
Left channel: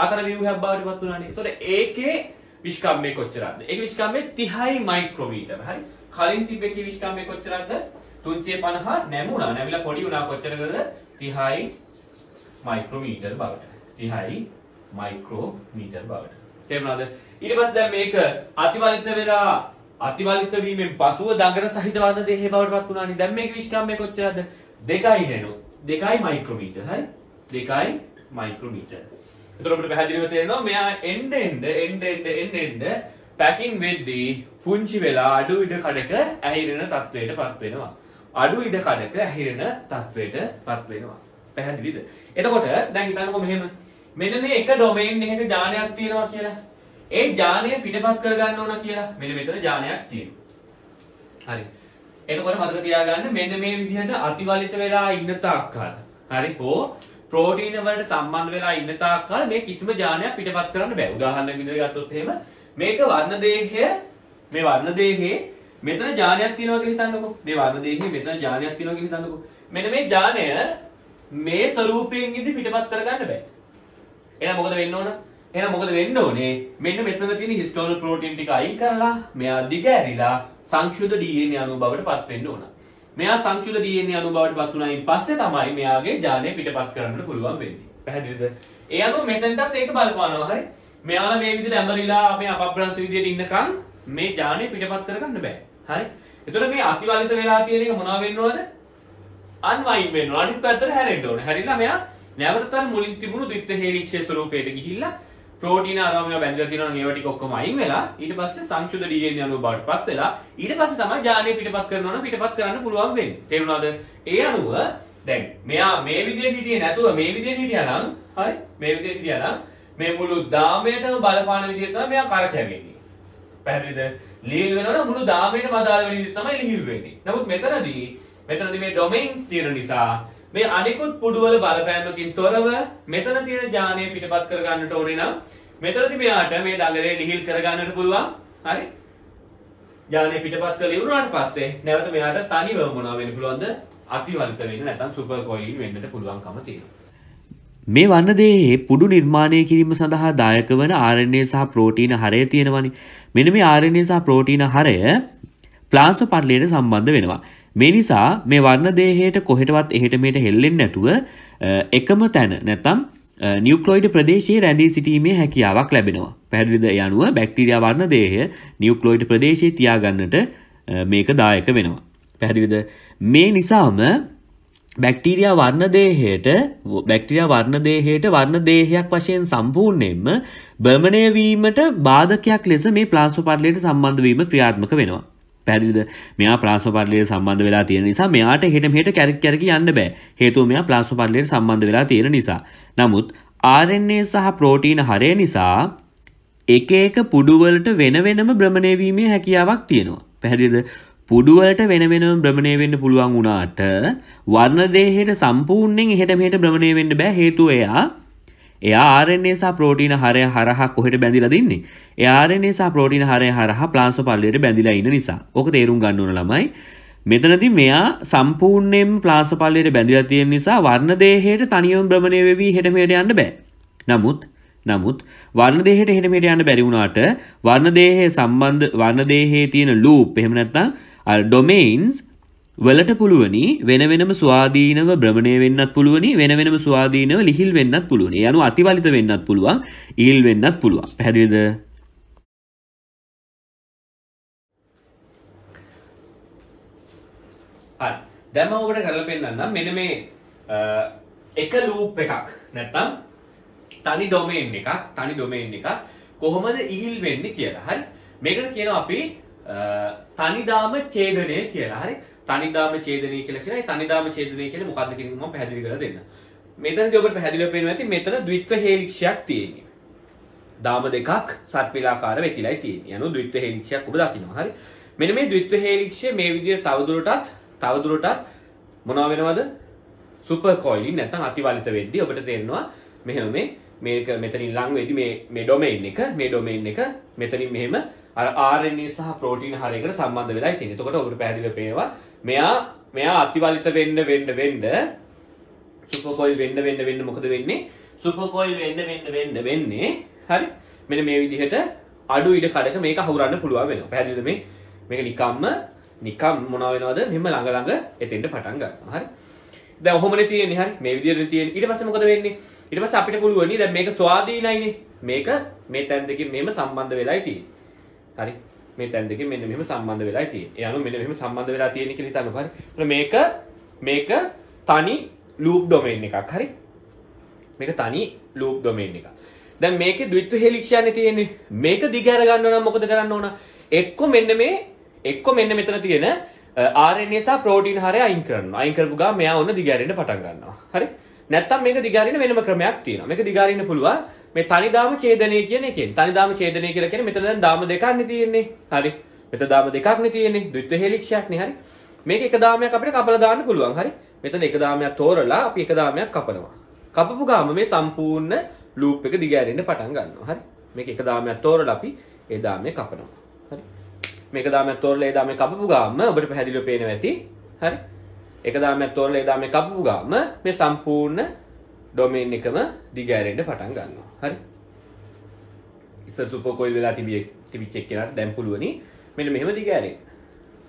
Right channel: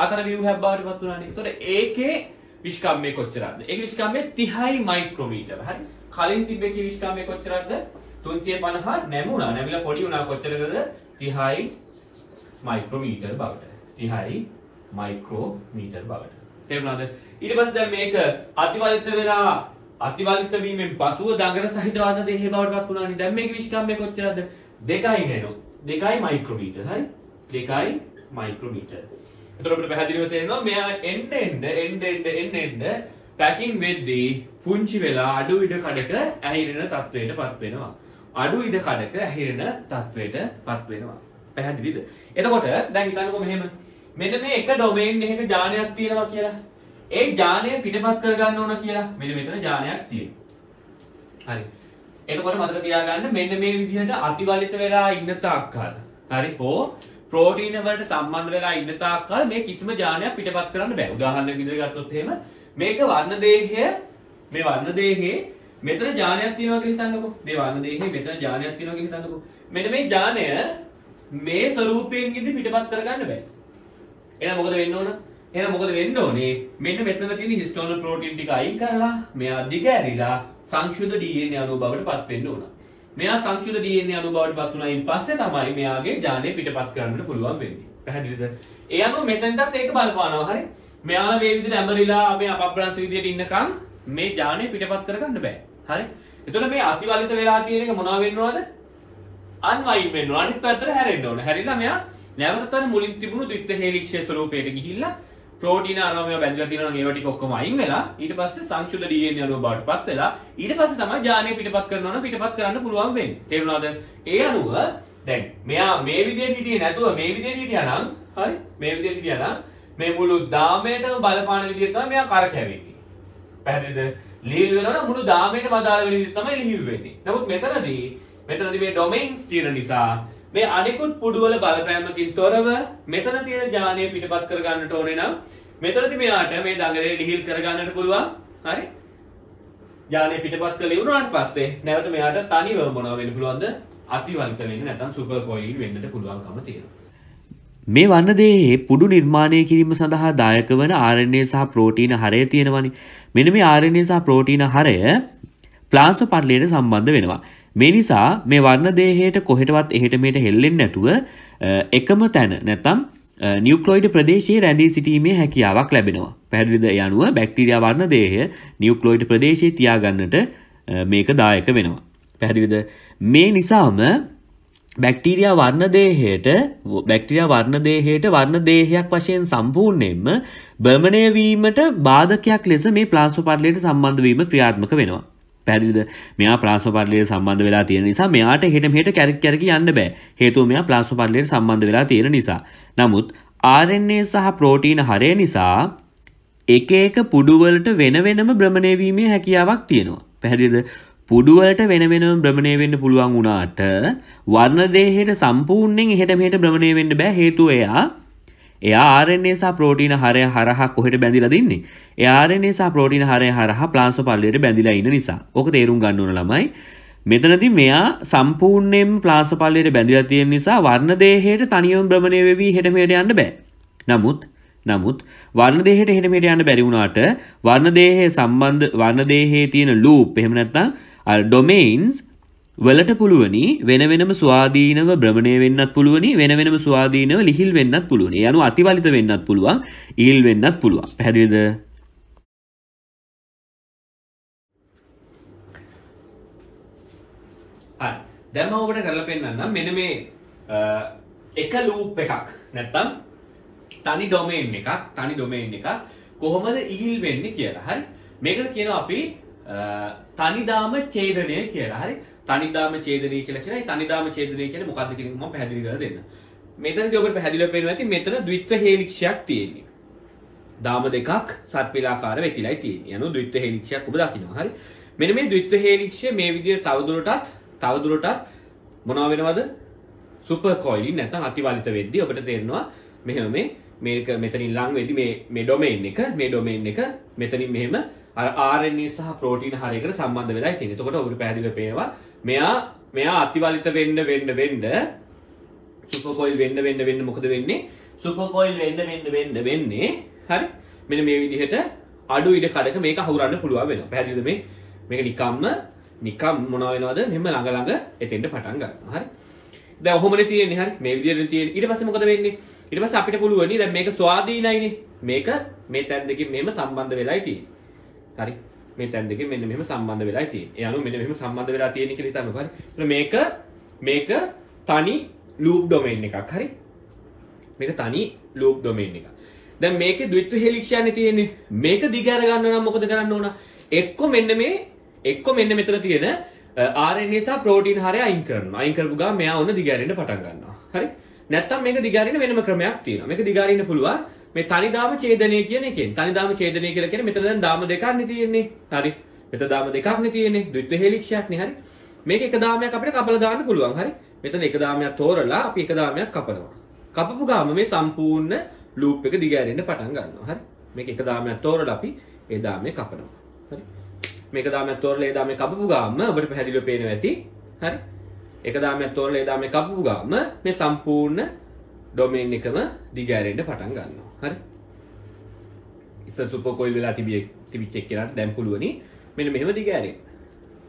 අතර ව්‍යුහයක් බවට පත් වුණානේ. ඒතකොට ඒකේ විස්කම්බය කොච්චරද? ඒකේ විස්කම්බය 30යි මයික්‍රෝමීටර. හරි? කලින් තිබ්බ කී විස්කම්බය කොච්චරද? 350 නැමුණා. නැමිලා පොඩි වුණා කොච්චරද? 30යි මයික්‍රෝමීටර බවට. 30යි මයික්‍රෝමීටර් බවට. තේරුණාද? ඊට පස්සේ දැන් මේක අතිවලිත වෙලා අතිවලිත වීමෙන් පසුව දඟර සහිත වර්ණ දේහය බවට පත් වුණානේ. දැන් මේකේ විශ්කම්භය කොච්චරද? 2යි නේනෝ. 2යි මයික්‍රෝමීටර්. හරි? 2යි මයික්‍රෝමීටර්. එතකොට අපිට පැහැදිලිව තේරෙනවා මෙයා එන්න පැකින් වෙද්දී පුංචි වෙලා අඩු ඉඩ කඩක ඇහිරෙන තත්වයට පත් වෙනවා. අඩු ඉඩ කඩක ඇහිරෙන තත්වයට පත් වෙනවා. පැහැදිලිද? එතකොට දැන් හිතන්නකෝ මෙහෙම මෙන්න මේ එක ඩොමේන් එකක යානයක් තියෙනවා කියලා. ඒ යානය පිටපත් කරගන්න ඕන කියලා. මෙන්න මෙතන යානයක් තියෙනවා. හරි. එතකොට මතක තියාගන්න මෙන්න මේ විදිහට අතිවලිත වෙලා ඉන්න තාක්කල්. හරි. ප්‍රෝටීන වලට සම්බන්ධ වෙලා ඉන්න තාක්කල් මේ කිසිම යානයක් පිටපත් කරන්න බෑ. උදාහරණයක් විදිහට ගත්තොත් එහෙම මේක වර්ණ දේහය මේ වර්ණ දේහේ මෙතන යානයක් තියෙනවා කියලා හිතන්නකෝ. මේ වර්ණ දේහේ මෙතන යානයක් තියෙනවා කියලා හිතන්නකෝ. මෙන්න මේ යානය මේ ස්වරූපයෙන් ඉදි පිටපත් කරගන්න බෑ. එහෙනම් මොකද වෙන්න ඕන? එහෙනම් මොකද වෙන්න ඕනේ? මෙන්න මෙතන තියෙන හිස්ටෝන ප්‍රෝටීන් ටික අයින් කරලා මෙයා දිග ඇරිලා සංශුද්ධ DNA අණුව බවට පත් වෙන්න ඕන. මෙයා සංශුද්ධ DNA අණුව බවට පත් වුණායින් පස්සේ තමයි මෙයාගේ යානය පිටපත් කරන්න පුළුවන් වෙන්නේ. පැහැදිලිද? ඒ අනුව මෙතෙන්ටත් ඒක බලපානවා. හරි. මෙයාලා මේ විදිහට ඇඹරිලා මේ අපබ්‍රංශ විදිහට ඉන්නකම් මේ යානය පිටපත් කරගන්න බෑ. හරි. එතකොට මේ අතිවලිත වෙලා තියෙන එක මොනවා වෙන්න ඕනද? අන්වයින් වෙන්න ඕන. අනිත් පැත්තට හැරෙන්න ඕන. හැරිලා මෙයා නැවතත් අර මුලින් තිබුණු ද්විත්ව හේලික්ෂය ස්වරූපයට ගිහිල්ලා ප්‍රෝටීන අරම මේවා බැඳලා තියෙනවා නම් ඒවා ටික ඔක්කොම අයින් වෙලා ඊට පස්සේ සංශුද්ධ DNA අණුව බවට පත් වෙලා ඊට පස්සේ තමයි යානය පිටපත් කරනවා නම් පිටපත් කරන්න පුළුවන් වෙන්නේ. තේරුණාද? ඒ අණුව දැන් මෙයා මේ විදිහට හිටියේ නැතුව මේ විදිහට හිටියා නම් හරි මේ විදිහට හිටියා නම් මේ මුළු දාමයටම බලපාන විදිහට තමයි මෙයා කරකැවෙන්නේ. පැහැදිලිද? ලිහිල් වෙනවා නම් මුළු දාමයටම අදාළ වෙන විදිහට තමයි ලිහිල් වෙන්නේ. නමුත් මෙතනදී මේ ඩොමේන්ස් තියෙන නිසා මේ අනිකුත් පුඩුවල බලපෑමකින් තොරව මෙතන තියෙන යානය පිටපත් කර ගන්නට ඕනේ නම් මෙතනදී මෙයාට මේ දඟලේ ලිහිල් කර ගන්නට පුළුවන්. හරි? යානය පිටපත් කළ ඉවරනාට පස්සේ නැවත මෙයාට තනිව මොනවා වෙන්න පුළුවන්ද? අතිවලිත වෙන්න නැත්නම් සුපර් කොයිල් වෙන්නට පුළුවන්කම තියෙනවා. මේ වර්ණ දේහයේ පුඩු නිර්මාණය කිරීම සඳහා දායක වන RNA සහ ප්‍රෝටීන හරය තියෙනවනේ. මෙන්න මේ RNA සහ ප්‍රෝටීන හරය ප්ලාස්ම පටලයට සම්බන්ධ වෙනවා. මේ නිසා මේ වර්ණ දේහයට කොහෙටවත් එහෙට මෙහෙට හෙල්ලෙන්නේ නැතුව එකම තැන නැත්නම් නියුක්ලියොයිඩ් ප්‍රදේශයේ රැඳී සිටීමේ හැකියාවක් ලැබෙනවා. පැහැදිලිද? ඒ අනුව බැක්ටීරියා වර්ණ දේහය නියුක්ලියොයිඩ් ප්‍රදේශයේ තියාගන්නට මේක දායක වෙනවා. පැහැදිලිද? මේ නිසාම බැක්ටීරියා වර්ණ දේහයට වර්ණ දේහයක් වශයෙන් සම්පූර්ණයෙන්ම භ්‍රමණය වීමට බාධකයක් ලෙස මේ ප්ලාස්ම පටලයට සම්බන්ධ වීම ක්‍රියාත්මක වෙනවා. පැහැදිලිද? මෙයා ප්ලාස්ම පටලයට සම්බන්ධ වෙලා තියෙන නිසා මෙයාට එහෙට මෙහෙට කැරකි යන්න බෑ. හේතුව මෙයා ප්ලාස්ම පටලයට සම්බන්ධ වෙලා තියෙන නිසා. නමුත් RNA සහ ප්‍රෝටීන හරය නිසා එක එක පුඩු වලට වෙන වෙනම භ්‍රමණය වීමේ හැකියාවක් තියෙනවා. පැහැදිලිද? පුඩු වලට වෙන වෙනම භ්‍රමණය වෙන්න පුළුවන් වුණාට වර්ණ දේහයට සම්පූර්ණයෙන් එහෙට මෙහෙට භ්‍රමණය වෙන්න බෑ. හේතුව එයා RNA සහ ප්‍රෝටීන හරය හරහා කොහෙට බැඳිලා දින්නේ? එයා RNA සහ ප්‍රෝටීන හරය හරහා ප්ලාස්ම පටලයට බැඳිලා ඉන්න නිසා. ඕක තේරුම් ගන්න ඕන ළමයි. මෙතනදී මෙයා සම්පූර්ණයෙන්ම ප්ලාස්ම පටලයට බැඳිලා තියෙන නිසා වර්ණ දේහයට තනියම භ්‍රමණය වෙවි එහෙට මෙහෙට යන්න බෑ. නමුත් වර්ණ දේහයට එහෙට මෙහෙට යන්න බැරි වුණාට වර්ණ දේහයේ තියෙන ලූප් එහෙම නැත්නම් ඩොමේන්ස් වලට පුළුවනි වෙන වෙනම ස්වාධීනව භ්‍රමණය වෙන්නත් පුළුවනි වෙන වෙනම ස්වාධීනව ලිහිල් වෙන්නත් පුළුවනි. ඒ අනුව අතිවලිත වෙන්නත් පුළුවන් ඊල් වෙන්නත් පුළුවන්. පැහැදිලිද? හරි. දැන් මම ඔබට කරලා පෙන්නන්නම් මෙන්න මේ එක ලූප් එකක් නැත්නම් තනි ඩොමේන් එකක් කොහොමද ඉහිල් වෙන්නේ කියලා. හරි. මේකට කියනවා අපි තනිදාම ඡේදනය කියලා. හරි. තනිදාම ඡේදනය කියලා කියනවා. මේ තනිදාම ඡේදනය කියන්නේ මොකක්ද කියන එක මම පැහැදිලි කරලා දෙන්නම්. මෙතනදී ඔබට පැහැදිලිව පේනවා ඇති මෙතන ද්විත්ව හේලික්ෂයක් තියෙන්නේ. දාම දෙකක් සර්පිලාකාර වෙතිලයි තියෙන්නේ. යනු ද්විත්ව හේලික්ෂයක් ඔබ දකිනවා. හරි. මෙන්න මේ ද්විත්ව හේලික්ෂය මේ විදිහට තවදුරටත් මොනවා වෙනවද? සුපර් කොයිලින් නැත්නම් අතිවලිත වෙද්දී ඔබට තේරෙනවා මෙහෙම මේක මෙතනින් ලඟ වෙද්දී මේ ඩොමේන් එක මෙතනින් මෙහෙම අර RNA සහ ප්‍රෝටීන හරයකට සම්බන්ධ වෙලා තියෙනවා. එතකොට ඔබට පැහැදිලිව පේනවා මෙයා අතිවලිත වෙන්න සුපර් කොයිල් වෙන්න මොකද වෙන්නේ? සුපර් කොයිල් වෙන්නේ හරි. මෙන්න මේ විදිහට අඩු ඉඩ කඩක මේක හවුරන්න පුළුවන් වෙනවා. පැහැදිලිද? මේක නිකම් මොනවා වෙනවද? මෙහෙම ළඟ එතෙන්ට පටන් ගන්නවා. හරි. දැන් ඔහොමනේ තියෙන්නේ. හරි. මේ විදිහට තියෙන්නේ. ඊට පස්සේ මොකද වෙන්නේ? ඊට පස්සේ අපිට පුළුවන් දැන් මේක ස්වාධීනයිනේ. මේක මේ තැන් දෙකෙන් මෙහෙම සම්බන්ධ වෙලායි තියෙන්නේ. හරි. මේ තැන් දෙකෙන් මෙන්න මෙහෙම සම්බන්ධ වෙලායි තියෙන්නේ. ඒ අනුව මෙන්න මෙහෙම සම්බන්ධ වෙලා තියෙන්නේ කියලා හිතන්නකෝ. හරි. මේක තනි ලූප් ඩොමේන් එකක්. හරි. මේක තනි ලූප් ඩොමේන් එකක්. දැන් මේකේ ද්විත්ව හෙලික්ෂයන්නේ තියෙන්නේ. මේක දිගහැර ගන්න නම් මොකද කරන්න ඕන? එක්ක මෙන්න මෙතන තියෙන RNA සහ ප්‍රෝටීන් හරය අයින් කරනවා. අයින් කරපු ගමන් මෙයා ඔන්න දිගහැරෙන්න පටන් ගන්නවා. හරි? නැත්තම් මේක දිගහැරෙන්න වෙනම ක්‍රමයක් තියෙනවා. මේක දිගහැරෙන්න පුළුවන් මේ තනිදාම ඡේදනය කියන එකෙන්. තනිදාම ඡේදනය කියලා කියන්නේ මෙතන දැන් දාම දෙකක් නේ තියෙන්නේ. හරි? මෙතන දාම දෙකක් නේ තියෙන්නේ. ද්විත්ව හෙලික්ෂයක් නේ. හරි? මේක එක දාමයක් අපිට කපලා දාන්න පුළුවන්. හරි? මෙතන එක දාමයක් තෝරලා අපි එක දාමයක් කපනවා. කපපු ගාම මේ සම්පූර්ණ ලූප් එක දිගහැරෙන්න පටන් ගන්නවා. හරි? මේක එක දාමයක් තෝරලා අපි ඒ දාමේ කපනවා. හරි? මේක දාමයක් තෝරලා ඒ දාමේ කපපු ගාම ඔබට පැහැදිලිව පේනවා ඇති. හරි? එක දාමයක් තෝරලා ඒ දාමේ කපපු ගාම මේ සම්පූර්ණ ඩොමේන් එකම දිගහැරෙන්න පටන් ගන්නවා. හරි? ඉස්සර සුපර් කොයිල් වෙලා තිබිච්ච එක්කෙනාට දැන් පුළුවනි මෙන්න මෙහෙම දිගහැරෙන්න.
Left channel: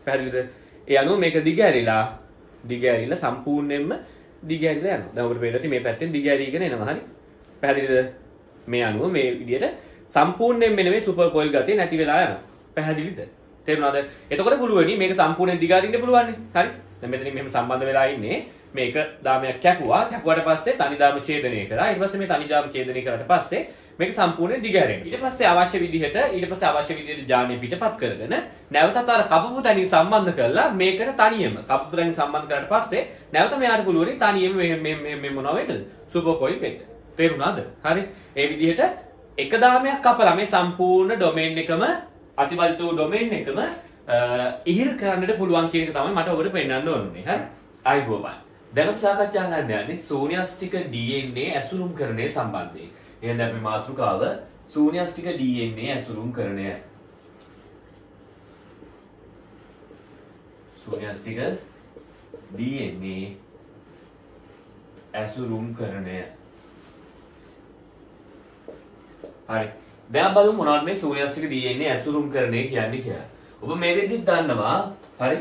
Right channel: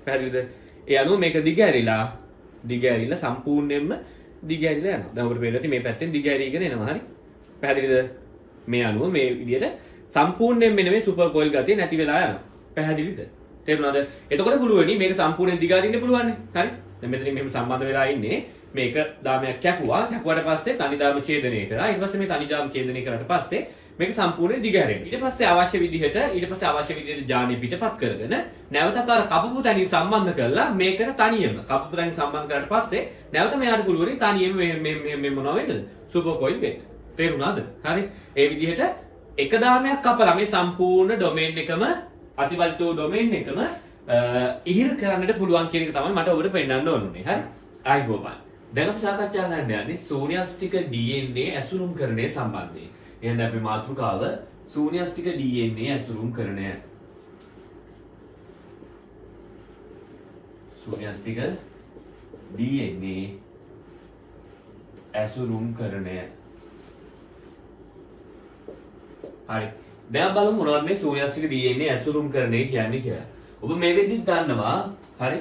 පැහැදිලිද? ඒ අනුව මේක දිගහැරිලා සම්පූර්ණයෙන්ම දිගහැරිලා යනවා. දැන් ඔබට පේනවා ඇති මේ පැත්තෙන් දිගහැරීගෙන එනවා. හරි? පැහැදිලිද? මේ අනුව මේ විදිහට සම්පූර්ණයෙන් මෙන්න මේ සුපර් කොයිල් ගතිය නැති වෙලා යනවා. පැහැදිලිද? තේරුණාද? එතකොට පුළුවනි මේක සම්පූර්ණයෙන් දිගහරින්න පුළුවන් නේ. හරි? දැන් මෙතනින් මෙහෙම සම්බන්ධ වෙලා ඉන්නේ. මේක දාමයක් කැපුවාට පස්සේ තනිදාම ඡේදනය කරා. ඊට පස්සේ මේ තනිදාම ඡේදනය කරාට පස්සේ මේක සම්පූර්ණයෙන් දිගහැරෙනවා. ඊට පස්සේ අවශ්‍ය විදිහට ජානේ පිටපත් කරගෙන නැවතත් අර කපපු තැනින් සම්බන්ධ කරලා මේකට තනියම කපපු තැනින් සම්බන්ධ කරාට පස්සේ නැවත මෙයාට පුළුවනි තනියම මේ මොනවා වෙන්නද? සුපර් කොයිල් වෙන්න. තේරුණාද? හරි? ඒ විදිහට එක දාමයක් කපලා මේ සම්පූර්ණ ඩොමේන් එකම අතිවල්තෝ ඩොමේන් එකම ඉහිල් කරන්නට පුළුවන් කියන එක තමයි මට ඔබට පෙන්වන්න ඕනේ. හරි? ආයිබෝවන්. දැන් අපි සාකච්ඡා කරන්න යන්නේ ශූන්‍යස්තික DNA ඇසුරුම්කරණය සම්බන්ධයෙන්. එහෙනම් අපේ මාතෘකාව ශූන්‍යස්තික DNA ඇසුරුම්කරණය. ශූන්‍යස්තික DNA ඇසුරුම්කරණය. හරි. දැන් බලමු මොනවද මේ ශූන්‍යස්තික DNA ඇසුරුම්කරණය කියන්නේ කියලා. ඔබ මේ විදිහට දන්නවා. හරි?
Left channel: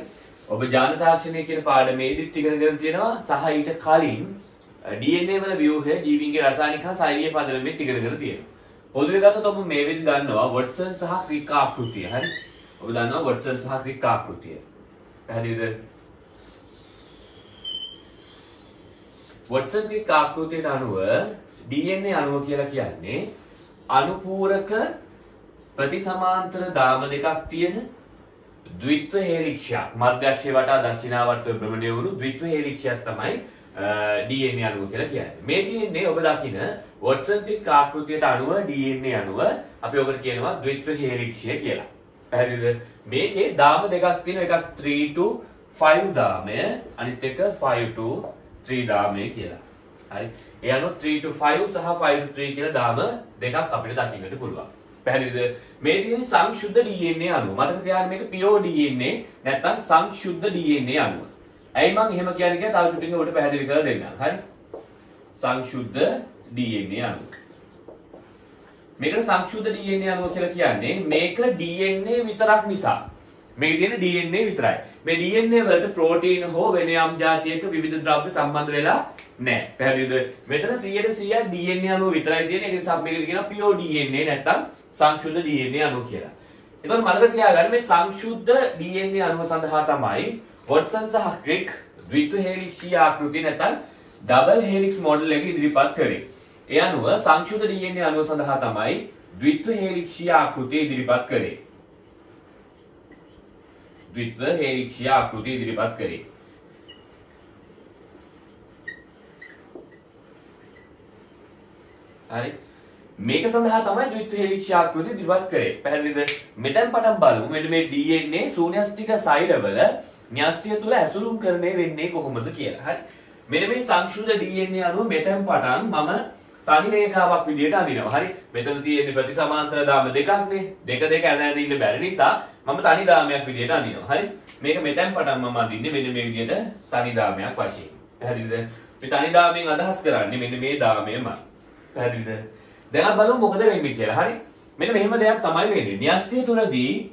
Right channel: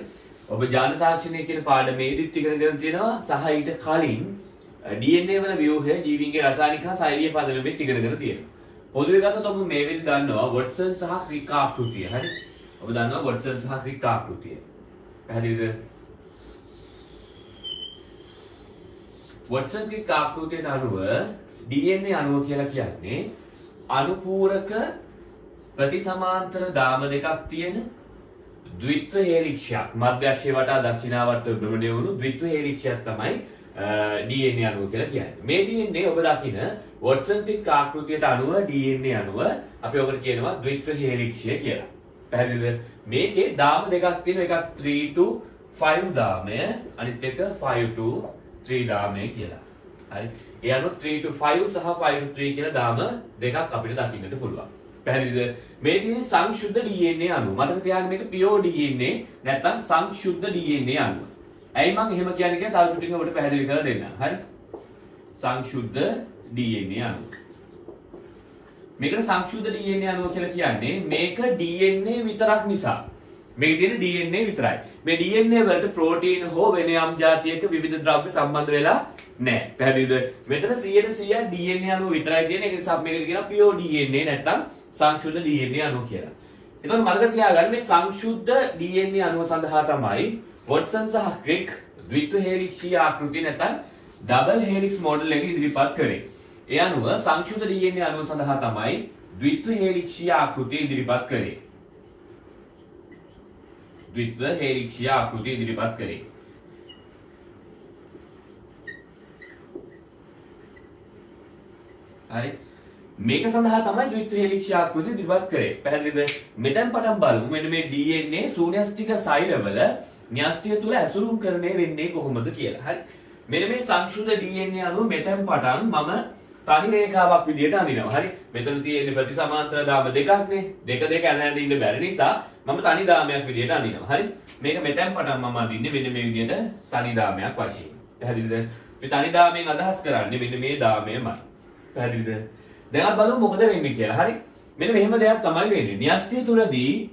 ඔබ ජාන තාක්ෂණය කියන පාඩමේදීත් ඉගෙනගෙන තියෙනවා සහ ඊට කලින් DNA වල ව්‍යුහය ජීවීන්ගේ රසායනික හා ශෛලිය පදනමෙත් ඉගෙනගෙන තියෙනවා. පොදුවේ ගත්තොත් ඔබ මේ විදිහට දන්නවා වොට්සන් සහ ක්‍රික් ආකෘතිය. හරි? ඔබ දන්නවා වොට්සන් සහ ක්‍රික් ආකෘතිය. පැහැදිලිද? වොට්සන් ක්‍රික් ආකෘතියට අනුව DNA අණුව කියලා කියන්නේ අනුපූරක ප්‍රතිසමාන්තර දාම දෙකක් තියෙන ද්විත්ව හේලික්ෂයක්. මධ්‍යක්ෂය වටා දක්ෂිනාවර්තව භ්‍රමණය වුණු ද්විත්ව හේලික්ෂයක් තමයි DNA අණුව කියලා කියන්නේ. මේ DNA ඔබ දකින වොට්සන් ක්‍රික් ආකෘතියට අනුව DNA අණුව අපි ඔකට කියනවා ද්විත්ව හේලික්ෂය කියලා. පැහැදිලිද? මේකේ දාම දෙකක් තියෙනවා. එකක් 3 to 5 දාමය, අනිත් එක 5 to 3 දාමය කියලා. හරි? ඒ අනුව 3 to 5 සහ 5 to 3 කියලා දාම දෙකක් අපිට දකින්නට පුළුවන්. පැහැදිලිද? මේ තියෙන සංශුද්ධ DNA අණුව. මතක තියාගන්න මේක pure DNA නැත්නම් සංශුද්ධ DNA අණුව. ඇයි මම එහෙම කියන්නේ කියලා තව චුට්ටකින් ඔබට පැහැදිලි කරලා දෙන්නම්. හරි? සංශුද්ධ DNA අණුව. මේකට සංශුද්ධ DNA අණුව කියලා කියන්නේ මේක DNA විතරක් නිසා. මේ තියෙන DNA විතරයි. මේ DNA වලට ප්‍රෝටීන හෝ වෙන යම් જાතියක විවිධ ද්‍රව්‍ය සම්බන්ධ වෙලා නැහැ. පැහැදිලිද? මෙතන 100% DNA අණුව විතරයි තියෙන්නේ. ඒක නිසා මේකට කියනවා pure DNA නැත්නම් සංශුද්ධ DNA අණුව කියලා. එතකොට මතක තියාගන්න මේ සංශුද්ධ DNA අණුව සඳහා තමයි වොට්සන් සහ ක්‍රික් ද්විත්ව හේලික්ෂීය ආකෘතිය නැත්නම් ඩබල් හේලික්ස් මොඩල් එක ඉදිරිපත් කරේ. ඒ අනුව සංශුද්ධ DNA අණුව සඳහා තමයි ද්විත්ව හේලික්ෂීය ආකෘතිය ඉදිරිපත් කරේ. ද්විත්ව හේලික්ෂීය ආකෘතිය ඉදිරිපත් කරේ. හරි? මේක සඳහා තමයි ද්විත්ව හේලික්ෂීය ආකෘතිය ඉදිරිපත් කරේ. පැහැදිලිද? මෙතෙන් පටන් බලමු මෙන්න මේ DNA ශූන්‍යස්තික සෛලවල න්‍යෂ්ටිය තුල ඇසුරුම්කරණය වෙන්නේ කොහොමද කියලා. හරි? මෙන්න මේ සංශුද්ධ DNA අණුව මෙතෙන් පටන් මම තනි රේඛාවක් විදියට අඳිනවා. හරි? මෙතන තියෙන ප්‍රතිසමාන්තර දාම දෙකක්නේ. දෙක ඇඳ ඉන්න බැරි නිසා මම තනි දාමයක් විදියට අඳිනවා. හරි? මේක මෙතෙන් පටන් මම අඳින්නේ මෙන්න මේ විදියට තනි දාමයක් වශයෙන්. පැහැදිලිද? මේ තනි දාමයෙන් අදහස් කරන්නේ මෙන්න මේ දාමයමයි. පැහැදිලිද? දැන් අපි බලමු මොකද වෙන්නේ කියලා. හරි? මෙන්න මෙහෙම දෙයක් තමයි වෙන්නේ.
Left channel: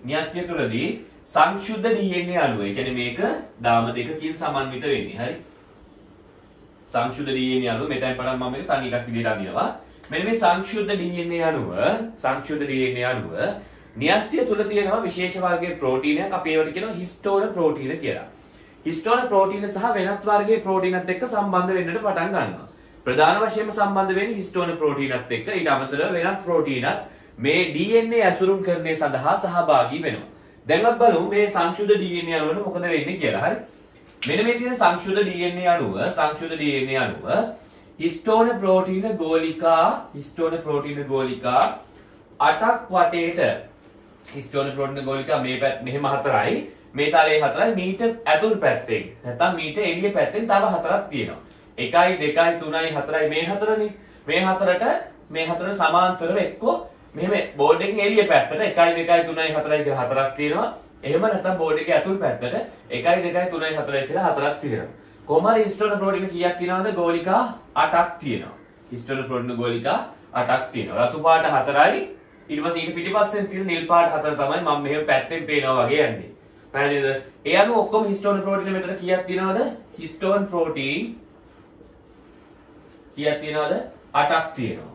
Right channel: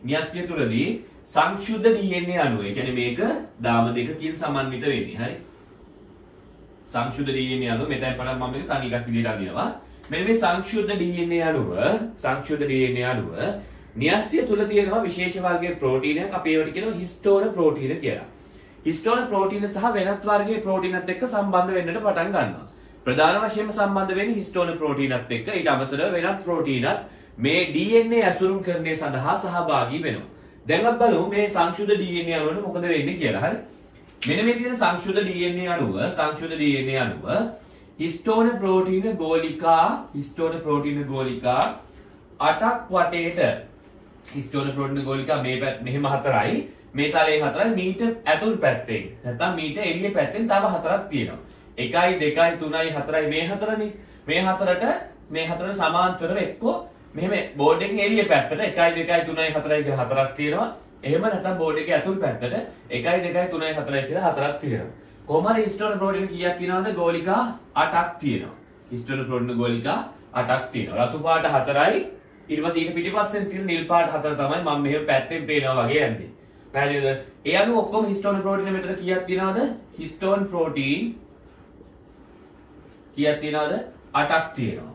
න්‍යෂ්ටිය තුලදී සංශුද්ධ DNA අණුව. ඒ කියන්නේ මේක දාම දෙකකින් සමන්විත වෙන්නේ. හරි? සංශුද්ධ DNA අණුව මෙතෙන් පටන් මම මේක තනි එකක් විදිහට අඳිනවා. මෙන්න මේ සංශුද්ධ DNA අණුව න්‍යෂ්ටිය තුල තියෙනවා විශේෂ වර්ගයේ ප්‍රෝටීනයක්. අපි ඒවට කියනවා හිස්ටෝන ප්‍රෝටීන කියලා. හිස්ටෝන ප්‍රෝටීන සහ වෙනත් වර්ගයේ ප්‍රෝටීනත් එක්ක සම්බන්ධ වෙන්නට පටන් ගන්නවා. ප්‍රධාන වශයෙන්ම සම්බන්ධ වෙන්නේ හිස්ටෝන ප්‍රෝටීනත් එක්ක. ඊට අමතරව වෙනත් ප්‍රෝටීනත් මේ DNA ඇසුරුම් කරන්නේ සඳහා සහභාගී වෙනවා. දැන් අපි බලමු මේ සංශුද්ධ DNA අණුවට මොකද වෙන්නේ කියලා. හරි. මෙන්න මේ තියෙන සංශුද්ධ DNA අණුව හිස්ටෝන ප්‍රෝටීන ගෝලිකා 8ක් වටේට හිස්ටෝන ප්‍රෝටීන ගෝලිකා මේ මෙහෙම 4යි මේ තලයේ 4යි මීටර් ඇතුල් පැත්තෙන් නැත්නම් මීටර් එළිය පැත්තෙන් තව 4ක් තියෙනවා. 1යි 2යි 3යි 4යි මේ 4නේ. මේ 4ට සමාන්තරව එක්කෝ මෙහෙම බෝඩ් එකේ එළිය පැත්තට 1යි 2යි 3යි 4යි කියලා 4ක් තියෙනවා. එහෙම නැත්නම් බෝඩ් එකේ ඇතුල් පැත්තට 1යි 2යි 3යි 4යි කියලා 4ක් තියෙනවා. කොහමද හිස්ටෝන ප්‍රෝටීන කීයක් තියෙනවද? ගෝලිකා 8ක් තියෙනවා. හිස්ටෝන ප්‍රෝටීන ගෝලිකා 8ක් තියෙනවා. රතු පාට 4යි ඊට පස්සේ ඊට පිටිපස්සෙන් තියෙන නිල් පාට 4 තමයි මම මෙහෙම පැත්තෙන් පේනවා වගේ යන්නේ. පැහැදිලිද? ඒ අනුව ඔක්කොම හිස්ටෝන ප්‍රෝටීන මෙතන කීයක් තියෙනවද? හිස්ටෝන ප්‍රෝටීන් කීයක් තියෙනවද? 8ක් තියෙනවා.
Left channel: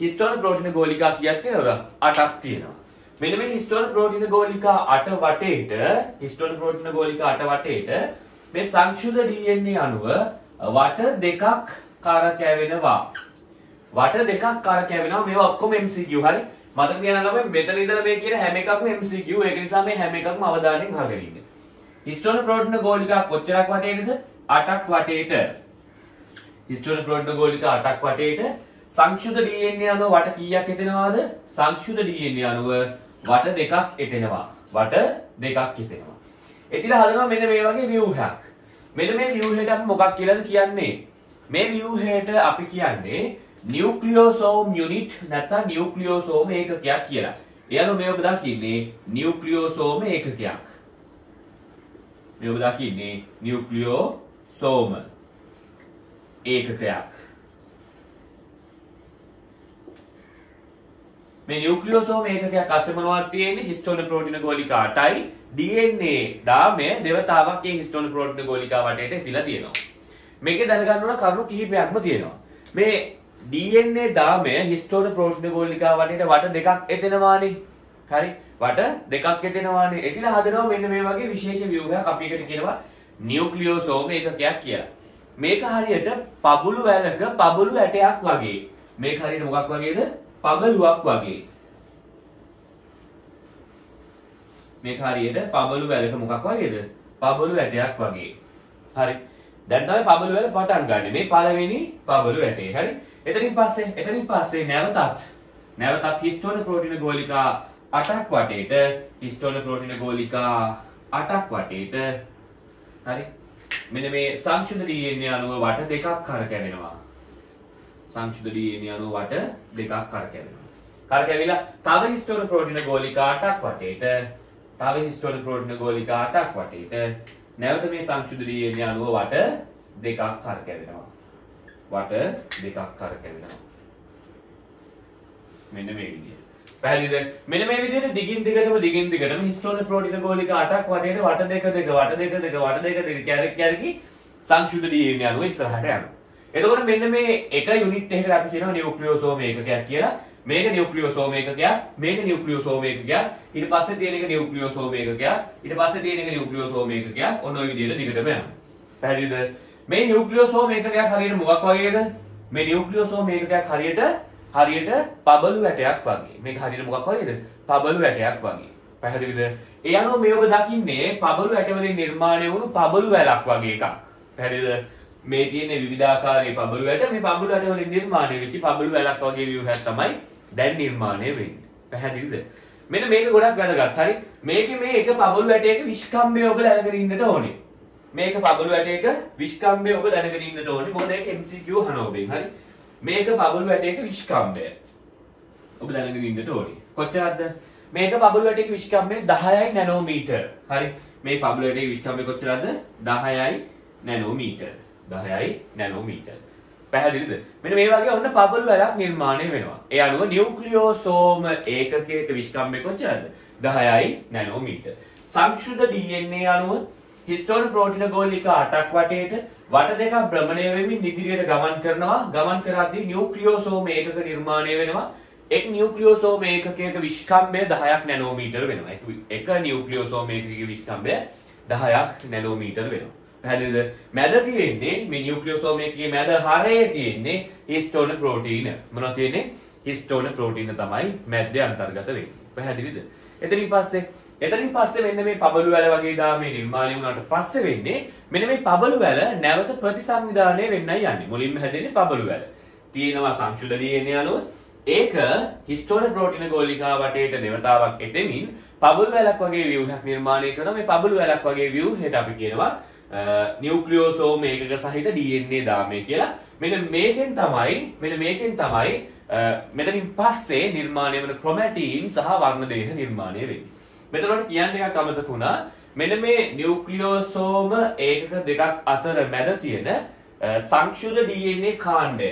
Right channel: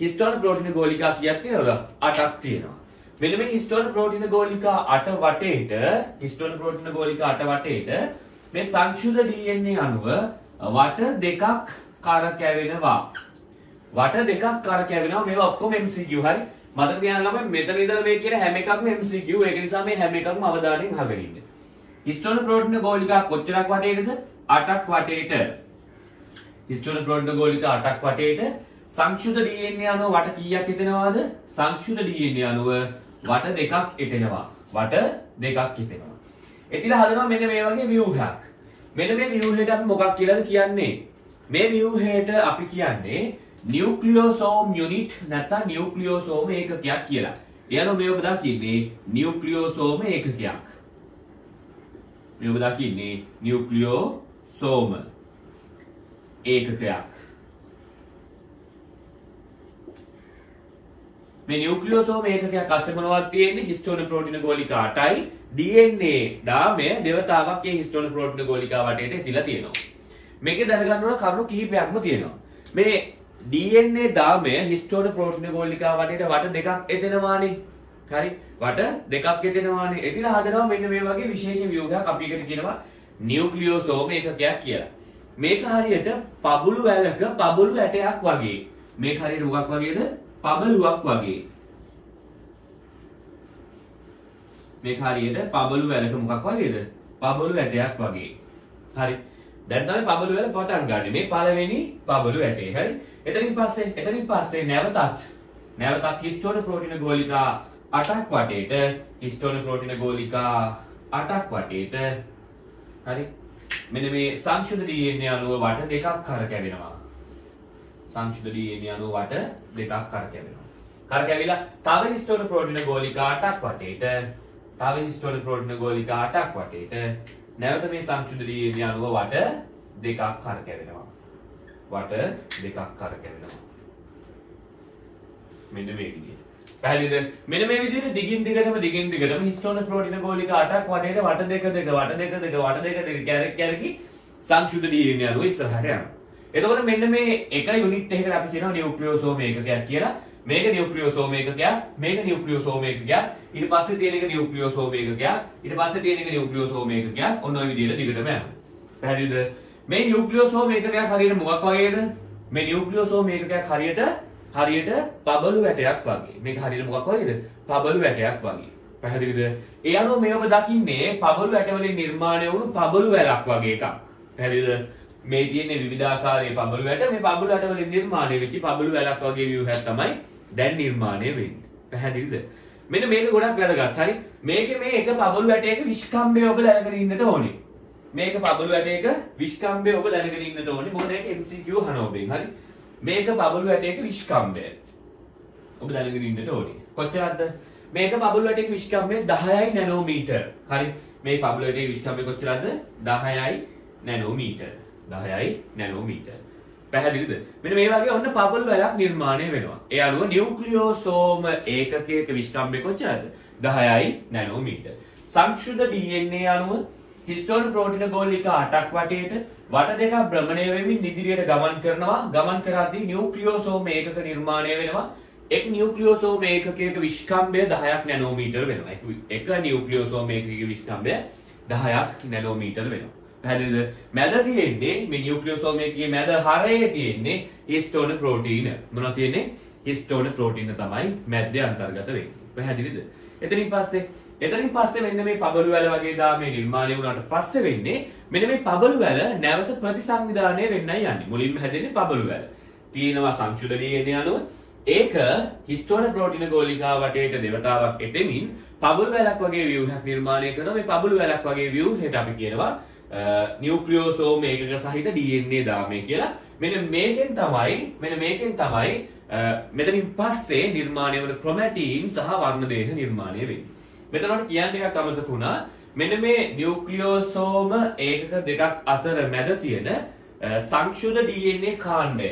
හිස්ටෝන ප්‍රෝටීන ගෝලිකා කීයක් තියෙනවද? 8ක් තියෙනවා. මෙන්න මේ හිස්ටෝන ප්‍රෝටීන ගෝලිකා 8 වටේට මේ සංශුද්ධ DNA අණුව වට දෙකක් කරකැවෙනවා. මේවා ඔක්කොම MCQ. හරි. මතක තියාගන්න ළමයි මෙතන ඉඳලා මේ කියන හැම එකක්ම MCQ. ඒක නිසා මේ හැම එකක්ම අවධානයෙන් අහගෙන ඉන්න. හිස්ටෝන ප්‍රෝටීන ගෝලිකා කොච්චරක් වටේටද? 8ක් වටේට. හිස්ටෝන ප්‍රෝටීන ගෝලිකා 8ක් වටේට සංශුද්ධ DNA අණුව වට කීයක් එතනවාද? සංශුද්ධ DNA අණුව වට දෙකක් එතෙනවා. එතිලා හදනවා මෙන්න මේ වගේ ව්‍යුහයක්. මෙන්න මේ ව්‍යුහයට අපි මොකක් කියලාද කියන්නේ? මේ ව්‍යුහයට අපි කියන්නේ නියුක්ලියෝසෝම් යුනිට් නැත්නම් නියුක්ලියෝසෝම ඒකකයක් කියලා. ඒ අනුව මේ ඔබ දකින්නේ නියුක්ලියෝසෝම ඒකකයක්. මේ නියුක්ලියෝසෝම ඒකකයක් අස්සේ මොනවද තියෙන්නේ? හිස්ටෝන ප්‍රෝටීන ගෝලිකා 8යි DNA දාමය දෙවතාවක් මේ හිස්ටෝන ප්‍රෝටීන ගෝලිකා වටේට තියලා තියෙනවා. මේකේ දැනගන්න ඕන කරුණු කිහිපයක්ම තියෙනවා. මේ DNA දාමය හිස්ටෝන ප්‍රෝටීන ගෝලිකා වටේට වට දෙකක් එතෙනවානේ. හරි. වට දෙකක් එතෙනවානේ. එතිලා හදනවා මෙන්න මේ වගේ විශේෂ ව්‍යුහයක් අපි එකට කියනවා නියුක්ලියෝසෝම ඒකකයක් කියලා. මේක හරියට පබළු වැලක පබළු ඇටයක් වගේ. මේක හරියට මොකක් වගේද? පබළුවක් වගේ. මේක හරියට පබළු වැලක මොකක් වගේද? පබළු ඇටයක් වගේ. හරි. දැන් තමයි පබළු වැල පටන් ගන්න. මේ පළවෙනි පබළු ඇටේ. හරි. එතනින් පස්සේ නැවතත් හිස්ටෝන ප්‍රෝටීන ගෝලිකා 8ක් වටේට හරි. මෙන්න මේ සංශුද්ධ DNA අණුව වට දෙකක් කරකැවෙනවා. කරකැවිලා තව හිස්ටෝන ප්‍රෝටීන ගෝලිකා 8ක් වටේට නැවත මේ සංශුද්ධ DNA අණුව වට දෙකක් කරකැවෙනවා. මෙන්න මේ විදිහට. පැහැදිලිද? මෙන්න මේ විදිහට දිගින් දිගටම හිස්ටෝන ප්‍රෝටීන ගෝලිකා 8ක් වටේට වට දෙක කැරකි සංශුද්ධ DNA අණුව ඉස්සරහට යනවා. එතකොට මෙන්න මේ එක යුනිට් එකකට අපි කියනවා නියුක්ලියෝසෝම ඒකකයක් කියලා. මේක නියුක්ලියෝසෝම ඒකකයක්, මේක නියුක්ලියෝසෝම ඒකකයක්, ඊට පස්සේ තියෙන එක නියුක්ලියෝසෝම ඒකකයක්, ඊට පස්සේ තියෙන එක නියුක්ලියෝසෝම ඒකකයක්. ඔන්න ඔය විදිහට දිගටම යනවා. පැහැදිලිද? මේ නියුක්ලියෝසෝම ඒකකයක් හරියට මොකක් වගේද? මේ නියුක්ලියෝසෝම ඒකකයක් හරියට පබළු ඇටයක් වගේ. මේක හරියට මොකක් වගේද? පබළු ඇටයක් වගේ. පැහැදිලිද? ඒ අනුව මේ ඔබ දකින්නේ පබළු ඇට වලින් නිර්මාණය වුණු පබළු වැලක් වගේ එකක්. පැහැදිලිද? මේ තියෙන විවිධාකාරයේ පබළු ඇට මේ පබළු ඇට වලින් නිර්මාණය වෙච්ච පබළු වැලක් වගේ ව්‍යුහයක් තමයි දැන් නිර්මාණය වෙන්නේ. පැහැදිලිද? මෙන්න මේක ගොඩක් වැදගත්. හරි. මේකේ මේ එක පබළු ඇටයක විස්කම්භය ඔබ දැනගෙන ඉන්නට ඕනේ. මේක පබළු ඇටයක විස්කම්භය ඔබ දැනගෙන ඉන්නට ඕනේ. මොකද ඒක MCQ අහන ඔබෙන්. හරි. මේක පබළු ඇටයක විස්කම්භය ඔබ දැනගෙන ඉන්නට ඕනේ. කොච්චරද? මේක පබළු ඇටයක විස්කම්භය 10යි නැනෝමීටර්. හරි. මේ පබළු ඇටයක විස්කම්භය කොච්චරද? 10යි නැනෝමීටර්. පැහැදිලිද? මෙන්න මේ වගේ ඔන්න පබළු වැලක් නිර්මාණය වෙනවා. ඒ අනුව නියුක්ලියෝසෝම ඒකකයක විස්කම්භය කොච්චරද? 10යි නැනෝමීටර්. සංශුද්ධ DNA අණුව හිස්ටෝන ප්‍රෝටීන ගෝලිකා 8ක් වටේට වට දෙකක් භ්‍රමණය වෙමින් ඉදිරියට ගමන් කරනවා. ගමන් කරද්දී නියුක්ලියෝසෝම ඒකක නිර්මාණය වෙනවා. එක් නියුක්ලියෝසෝම ඒකකයක විස්කම්භය 10ක් නැනෝමීටර වෙනවා. එක නියුක්ලියෝසෝම ඒකකයක විස්කම්භය 10ක් නැනෝමීටර වෙනවා. පැහැදිලිද? මැද තියෙන්නේ මේ නියුක්ලියෝසෝම එකකේ මැද හරයේ තියෙන්නේ හිස්ටෝන ප්‍රෝටීන. මොනවද තියෙන්නේ? හිස්ටෝන ප්‍රෝටීන තමයි මැද්දේ අන්තර්ගත වෙන්නේ. පැහැදිලිද? එතනින් පස්සේ මෙන්න මේ පබළු වැල වගේ ගාමේ නිර්මාණය වුණාට පස්සේ වෙන්නේ මෙන්න මේ පබළු වැල නැවත ප්‍රතිසංවිධානය වෙන්නයි යන්නේ. මුලින්ම හැදෙන්නේ පබළු වැල. තියෙනවා සංශුද්ධ DNA අණුව. ඒක හිස්ටෝන ප්‍රෝටීන ගෝලිකා වටේට දෙවතාවක් එතෙමින් පබළු වැලක් වගේ ව්‍යුහයක් නිර්මාණය කරනවා. මේ පබළු වැලක් වගේ ව්‍යුහයට අපි කියනවා නියුක්ලියෝසෝම ඒකක සහිත DNA දාමය කියලා. මෙන්න මේකෙන් තමයි මෙතනින් පස්සේ නිර්මාණය වන ක්‍රොමැටින් සහ වර්ණ දේහ නිර්මාණය වෙන්නේ. මෙතනට කියන්න එකක් අමතක වුණා. මෙන්න මේ නියුක්ලියෝසෝම ඒකක දෙකක් අතර මැද තියෙන සංක්ෂුද්ධ DNA කාණ්ඩය.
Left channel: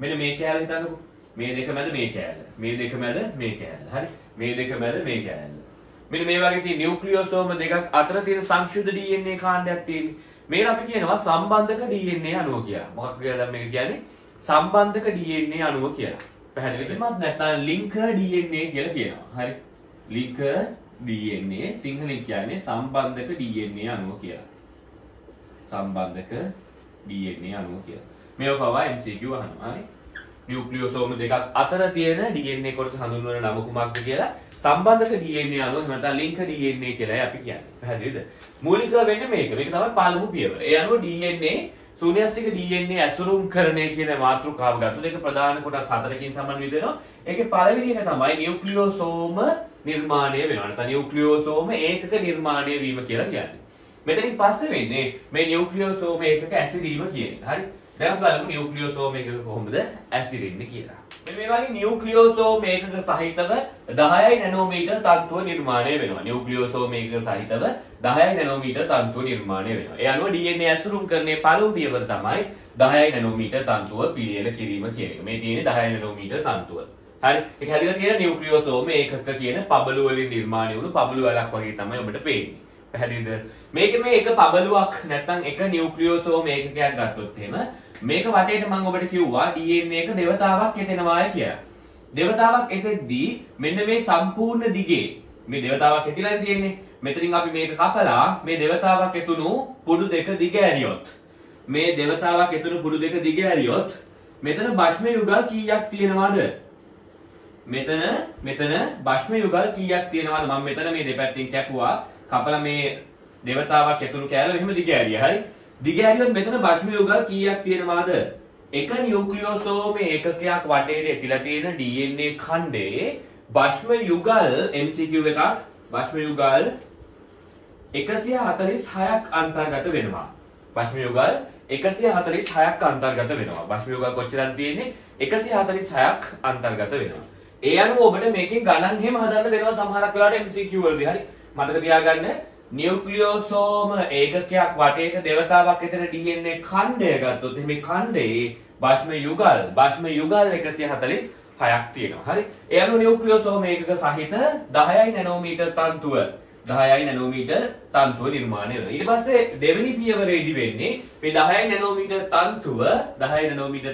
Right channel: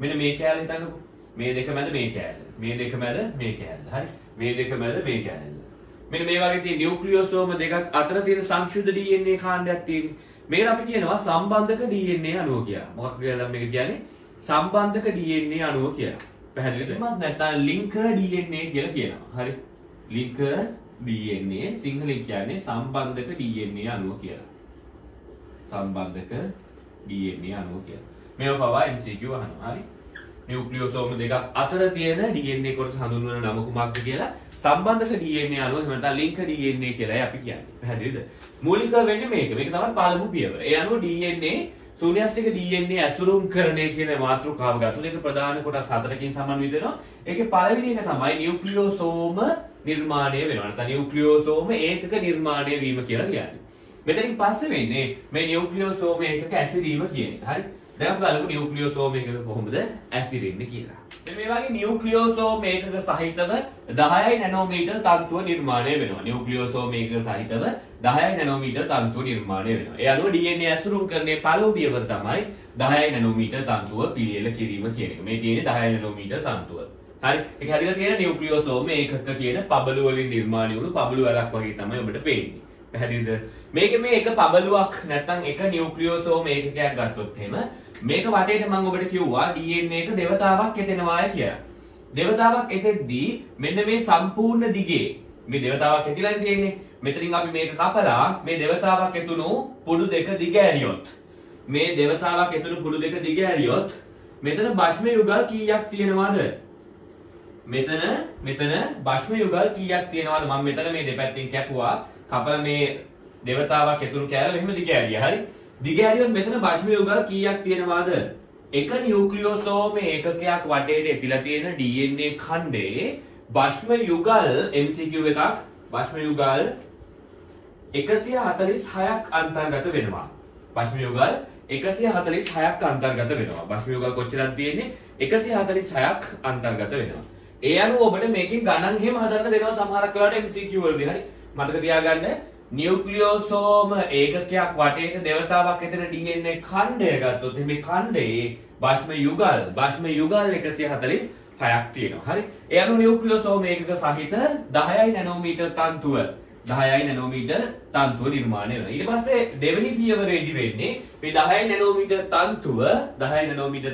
මෙන්න මේ කැලේ හිතන්නකෝ. මේ දෙක මැද මේ කැලේ. මේ දෙක මැද මේ කැලේ. හරි. මේ දෙක මැද මේ කැලේ. මෙන්න මේ වගේ තියෙන නියුක්ලියෝසෝම දෙකක් අතර තියෙන සංක්ෂුද්ධ DNA කාණ්ඩයක් තියෙන්නේ. මේකට අපි කියනවා සම්බන්ධක DNA අණුව කියලා. මොකක්ද කියලා මේක කියන්නේ? සම්බන්ධක DNA අණුව කියලා. පැහැදිලිද? නැත්නම් ලින්කර් DNA කියලා කියනවා. හරි. ලින්කර් DNA සිංහලෙන් කියන්නේ සම්බන්ධක DNA අණුව කියලා. සම්බන්ධක DNA අණුව කියලා. මේව පවා MCQ අහනවා. හරි. නියුක්ලියෝසෝම දෙකක් අතර තියෙන DNA කොටස හඳුන්වන නම කුමක්ද කියලා සම්බන්ධක DNA අණුව එහෙම නැත්නම් ලින්ක් DNA කියලායි අපි කියන්නේ. පැහැදිලිද? මූලිකව වෙන්නේ මේක. මේක තමයි පළමු පියවර. ඒ අනුව DNA ශූන්‍යස්තික DNA ඇසුරුම් කරණය කියන මාතෘකාව ගත්තොත් ඒක ප්‍රධාන කොටස් 4කින් සමන්විත වෙනවා. ඒකේ පළවෙනි එක තමයි නියුක්ලියෝසෝම නිර්මාණය වෙනවා. නැත්නම් නියුක්ලියෝසෝම ඒකක නිර්මාණය වීම කියලා කියන්නේ. මෙතනින් පස්සේ වෙන්නේ මේ නියුක්ලියෝසෝම ඒකක ඇසිරීම කියන එක. හරි. දැන් බලමු නියුක්ලියෝසෝම එකක කොහොමද ඇසිරෙන්නේ කියලා. මේ වගේ නියුක්ලියෝසෝම එකක සහිතව 10යි නැනෝමීටර් තන්තුව නිර්මාණය වෙනවා. නියුක්ලියෝසෝම එකක සහිතව 10යි නැනෝමීටර් තන්තුව නිර්මාණය වෙනවා. ඒ අනුව DNA ඇසුරුම් කරන්නේ පළමු පියවර තමයි 10යි නැනෝමීටර් තන්තුව පිළියෙල කිරීම කියන එක. මේ තියෙන්නේ 10යි නැනෝමීටර් තන්තුව. හරි. ඒක හැදිලා තියෙන නියුක්ලියෝසෝම එකක කියන පබළු වලින් නිර්මාණය වුණු පබළු වලක් වගේ තමයි ඔබට පේන්නේ. පැහැදිලිද? මේකේ මේ එක පබළුවක් නැත්නම් එක නියුක්ලියෝසෝම ඒකකයක් ගත්තොත් එහෙම මේක වටේට මම ඔබට කිව්වා DNA එක දෙවතාවක් එතෙනවායි කියලා. දෙවතාවක් එතෙද්දී මෙන්න මේ සම්පූර්ණ දිගේ මේ දෙවතාවක් ඇතිලා තියෙන්නේ. මෙතනින් අපි මේක කපලා මේ දෙවතාවක් ඇතුණු පුඩු දෙක දිග ඇරියොත් මේ දෙවතාවක් ඇතුණු පුඩු දෙක දිග ඇරියොත් මෙතන භෂ්ම යුගල් කීයක් තියෙනවද? මෙතන භෂ්ම යුගල් කීයක් තියෙනවද? මම මෙතන මේ දෙපැත්තෙන් කැපුවා. කපලා මේ දෙවතාවක් ඇතුළු කෑල්ල එහෙම දිග ඇරියා. හරි. දිග ඇරියොත් මෙතන භෂ්ම යුගල් කීයක් තියෙනවද? එක නියුක්ලියෝසෝම ඒකකයක් වටේට ඇතිලා තියෙන DNA ඛණ්ඩේ භෂ්ම යුගල් MCQ එකක් භෂ්ම යුගල් 146ක් අන්තර්ගත වෙනවා. භෂ්ම යුගල් 146ක් අන්තර්ගත වෙනවා. භෂ්ම යුගල් කොච්චරද තියෙන්නේ? 146ක් අන්තර්ගත වෙනවා. ඒ අනුව ඔබට මේකෙන් ගණන් එහෙම හදන්න වෙනවා සමහරක් වෙලාවට MCQ වලදී. හරි. මතක තියාගන්න නියුක්ලියෝසෝම ඒකකයක් වටේට දෙවතාවක් ඇතර DNA ඛණ්ඩය ගත්තොත් මේ ඛණ්ඩේ භෂ්ම යුගල් 146ක් තියෙනවා. හරි. ඒ අනුව නියුක්ලියෝසෝම ඒකක සහිත 10යි නැනෝමීටර් තන්තුව 10යි නැනෝමීටර් තන්තුව නිර්මාණය වෙනවා. ඊට පස්සේ දෙවෙනි පියවරේදී වෙන්නේ මේ 10යි නැනෝමීටර්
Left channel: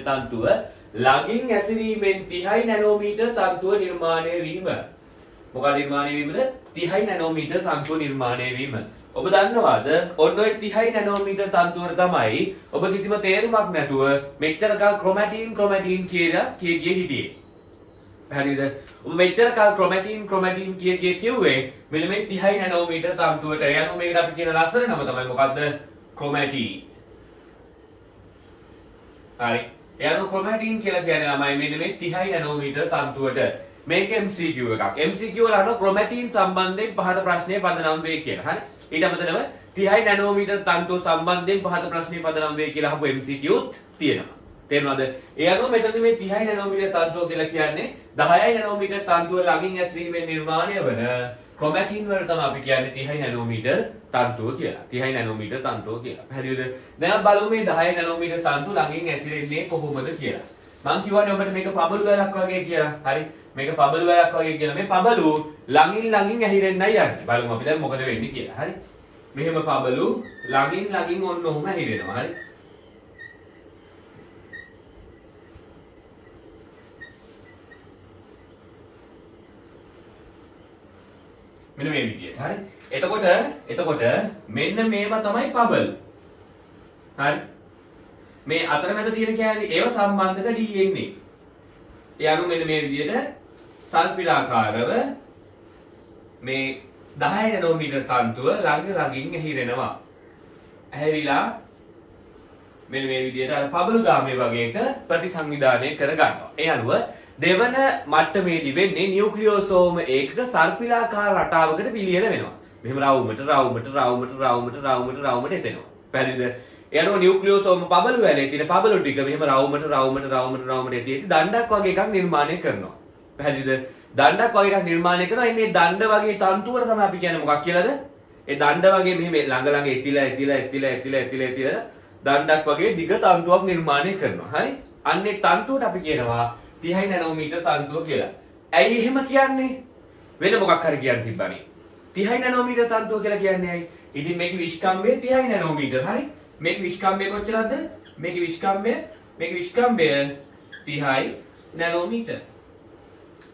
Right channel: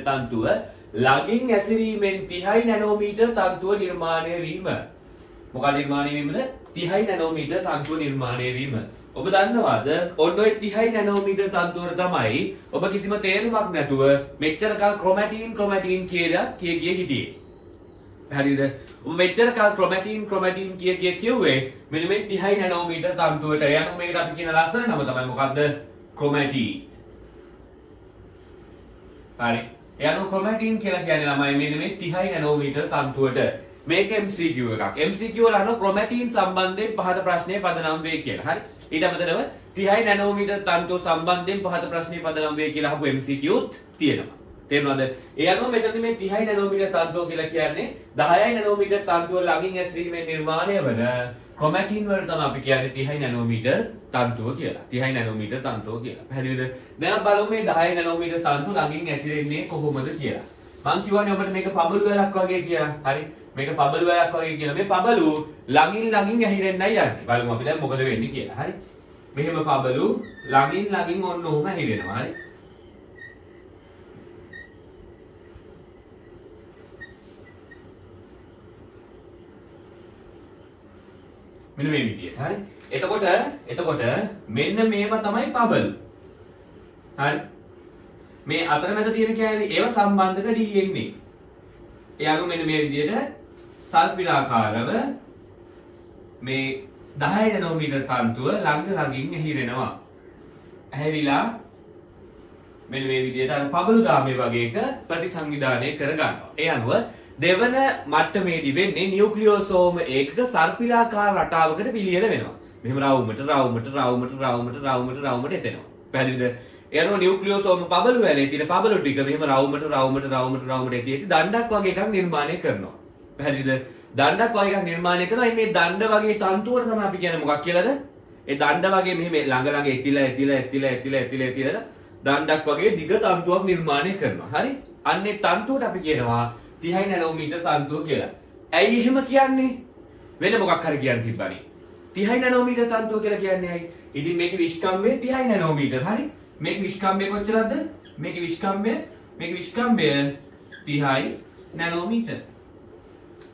තන්තුව ළඟින් ඇසිරීමෙන් 30යි නැනෝමීටර් තන්තුව නිර්මාණය වීම. මොකක්ද නිර්මාණය වීමද? 30යි නැනෝමීටර් තන්තුව නිර්මාණය වීම. ඔබ දන්නවාද ඔන්න ඔය 30යි නැනෝමීටර් තන්තුවට තමයි ඔබ කිසිම තේරුමක් නැතුව මෙච්චර කල් ක්‍රොමැටින් කියලා කිය හිටියේ. හරිද? ඔබ මෙච්චර කල් ක්‍රොමැටින් කිව්වේ මෙන්න මේ 30යි නැනෝමීටර් තන්තුවට. ඒ අනුව මේකට අපි කියන ලස්සන නම තමයි මොකද්ද? ක්‍රොමැටින්. හරි. ඒ අනුව ක්‍රොමැටින් කියලා කියන ළමයි මෙන්න මේ 30යි නැනෝමීටර් තන්තුවට. මේක MCQ එකක්. MCQ වල අහන ක්‍රොමැටින් සම්බන්ධයෙන් පහත ප්‍රශ්නේ පදනම් වේ කියලා. හරි. ඊට අමතරව 30යි නැනෝමීටර් තන්තුව සම්බන්ධයෙන් පහත ප්‍රශ්නේ පදනම් වේ කියලා අහපු MCQත් තියෙනවා. තේරෙනවද? ඒ අනුව මෙතනදී මේ 30යි නැනෝමීටර් තන්තුව කියලා කියන්නේ 10යි නැනෝමීටර් තන්තුව ළඟින් ඇසිරීමෙන් නිර්මාණය වන ක්‍රොමැටින් වලට තමයි අපි කියන්නේ 30යි නැනෝමීටර් තන්තුව කියලා. 30යි නැනෝමීටර් තන්තුව කියලා. පැහැදිලිද? දැන් බලමු මේ 10යි නැනෝමීටර් තන්තුව ළඟින් ඇසිරෙන්නේ කොහොමද කියලා. මම කියවනේ ඔබට මේක පබළු වැලක් වගේ කියලා. හරි. මේක පබළු වැලක් වගේ කියලා. මේ පබළු ළඟින් ඇහිරෙන්නයි යන්නේ. බලමු අපි දැන් මොකද වෙන්නේ කියලා. හරි. මෙහෙම පබළු ළඟින් ළඟින් ඔන්න ඔහොම හිරෙනවා. හරි. මෙන්න මේ විදියට. හරි. එතකොට මෙන්න මේව තමයි පබල්. හරි. මේ අතරමැද තියෙන කැලේ ඒව සම්බන්ධක DNA. එයාගේ මෙන්න මේ විදියට සර්පිලාකාරව මේ 10 නැනෝමීටර් තන්තුව ළඟ ළඟින් ඇහිරෙනවා. ඇහැවිලා මෙන්න මේ විදියට අර පබළු දාමේ වගේ එක ප්‍රතිසංවිධානය කර ගන්නවා. ඒ අනුව දෙවන මට්ටමේදී වෙන්නේ නියුක්ලියෝසෝම ඒකක සර්පිලාකාර රටාවකට පිළියෙල වෙනවා. මෙහෙම රවුමට එතෙනවා. පැහැදිලිද? ඒ අනුව නියුක්ලියෝසෝම පබළු වැලේ තියෙන පබළු ටික මෙහෙම රවුමට එතියෙදි දණ්ඩක් වගේ එකක් නිර්මාණය කරනවා. පැහැදිලිද? දණ්ඩක් වගේ එකක් නිර්මාණය කරනවා. ඉන්නේ දණ්ඩ වගේ තන්තුවට තමයි අපි කියන්නේ මොකක් කියලාද? ඒ දණ්ඩ වගේ මෙහෙම ළඟ එතිලා දණ්ඩක් වගේ දිග තන්තුවක් නිර්මාණය කරනවා. හරි? අන්නේ තන්තුවට අපි කියනවා 30 නැනෝමීටර් තන්තුව කියලා. ඇයි එහෙම කියන්නේ? වෙන මොකක් හරි කියන්න තිබ්බනේ. 30 නැනෝමීටර් තන්තුව කියලා කියන්නේ ඇයි? ඉතින් මේකේ විස්කම්භය 30 නැනෝමීටර්. හරි? මේකේ විස්කම්භය කොච්චරද? මේකේ විස්කම්භය 30 නැනෝමීටර්.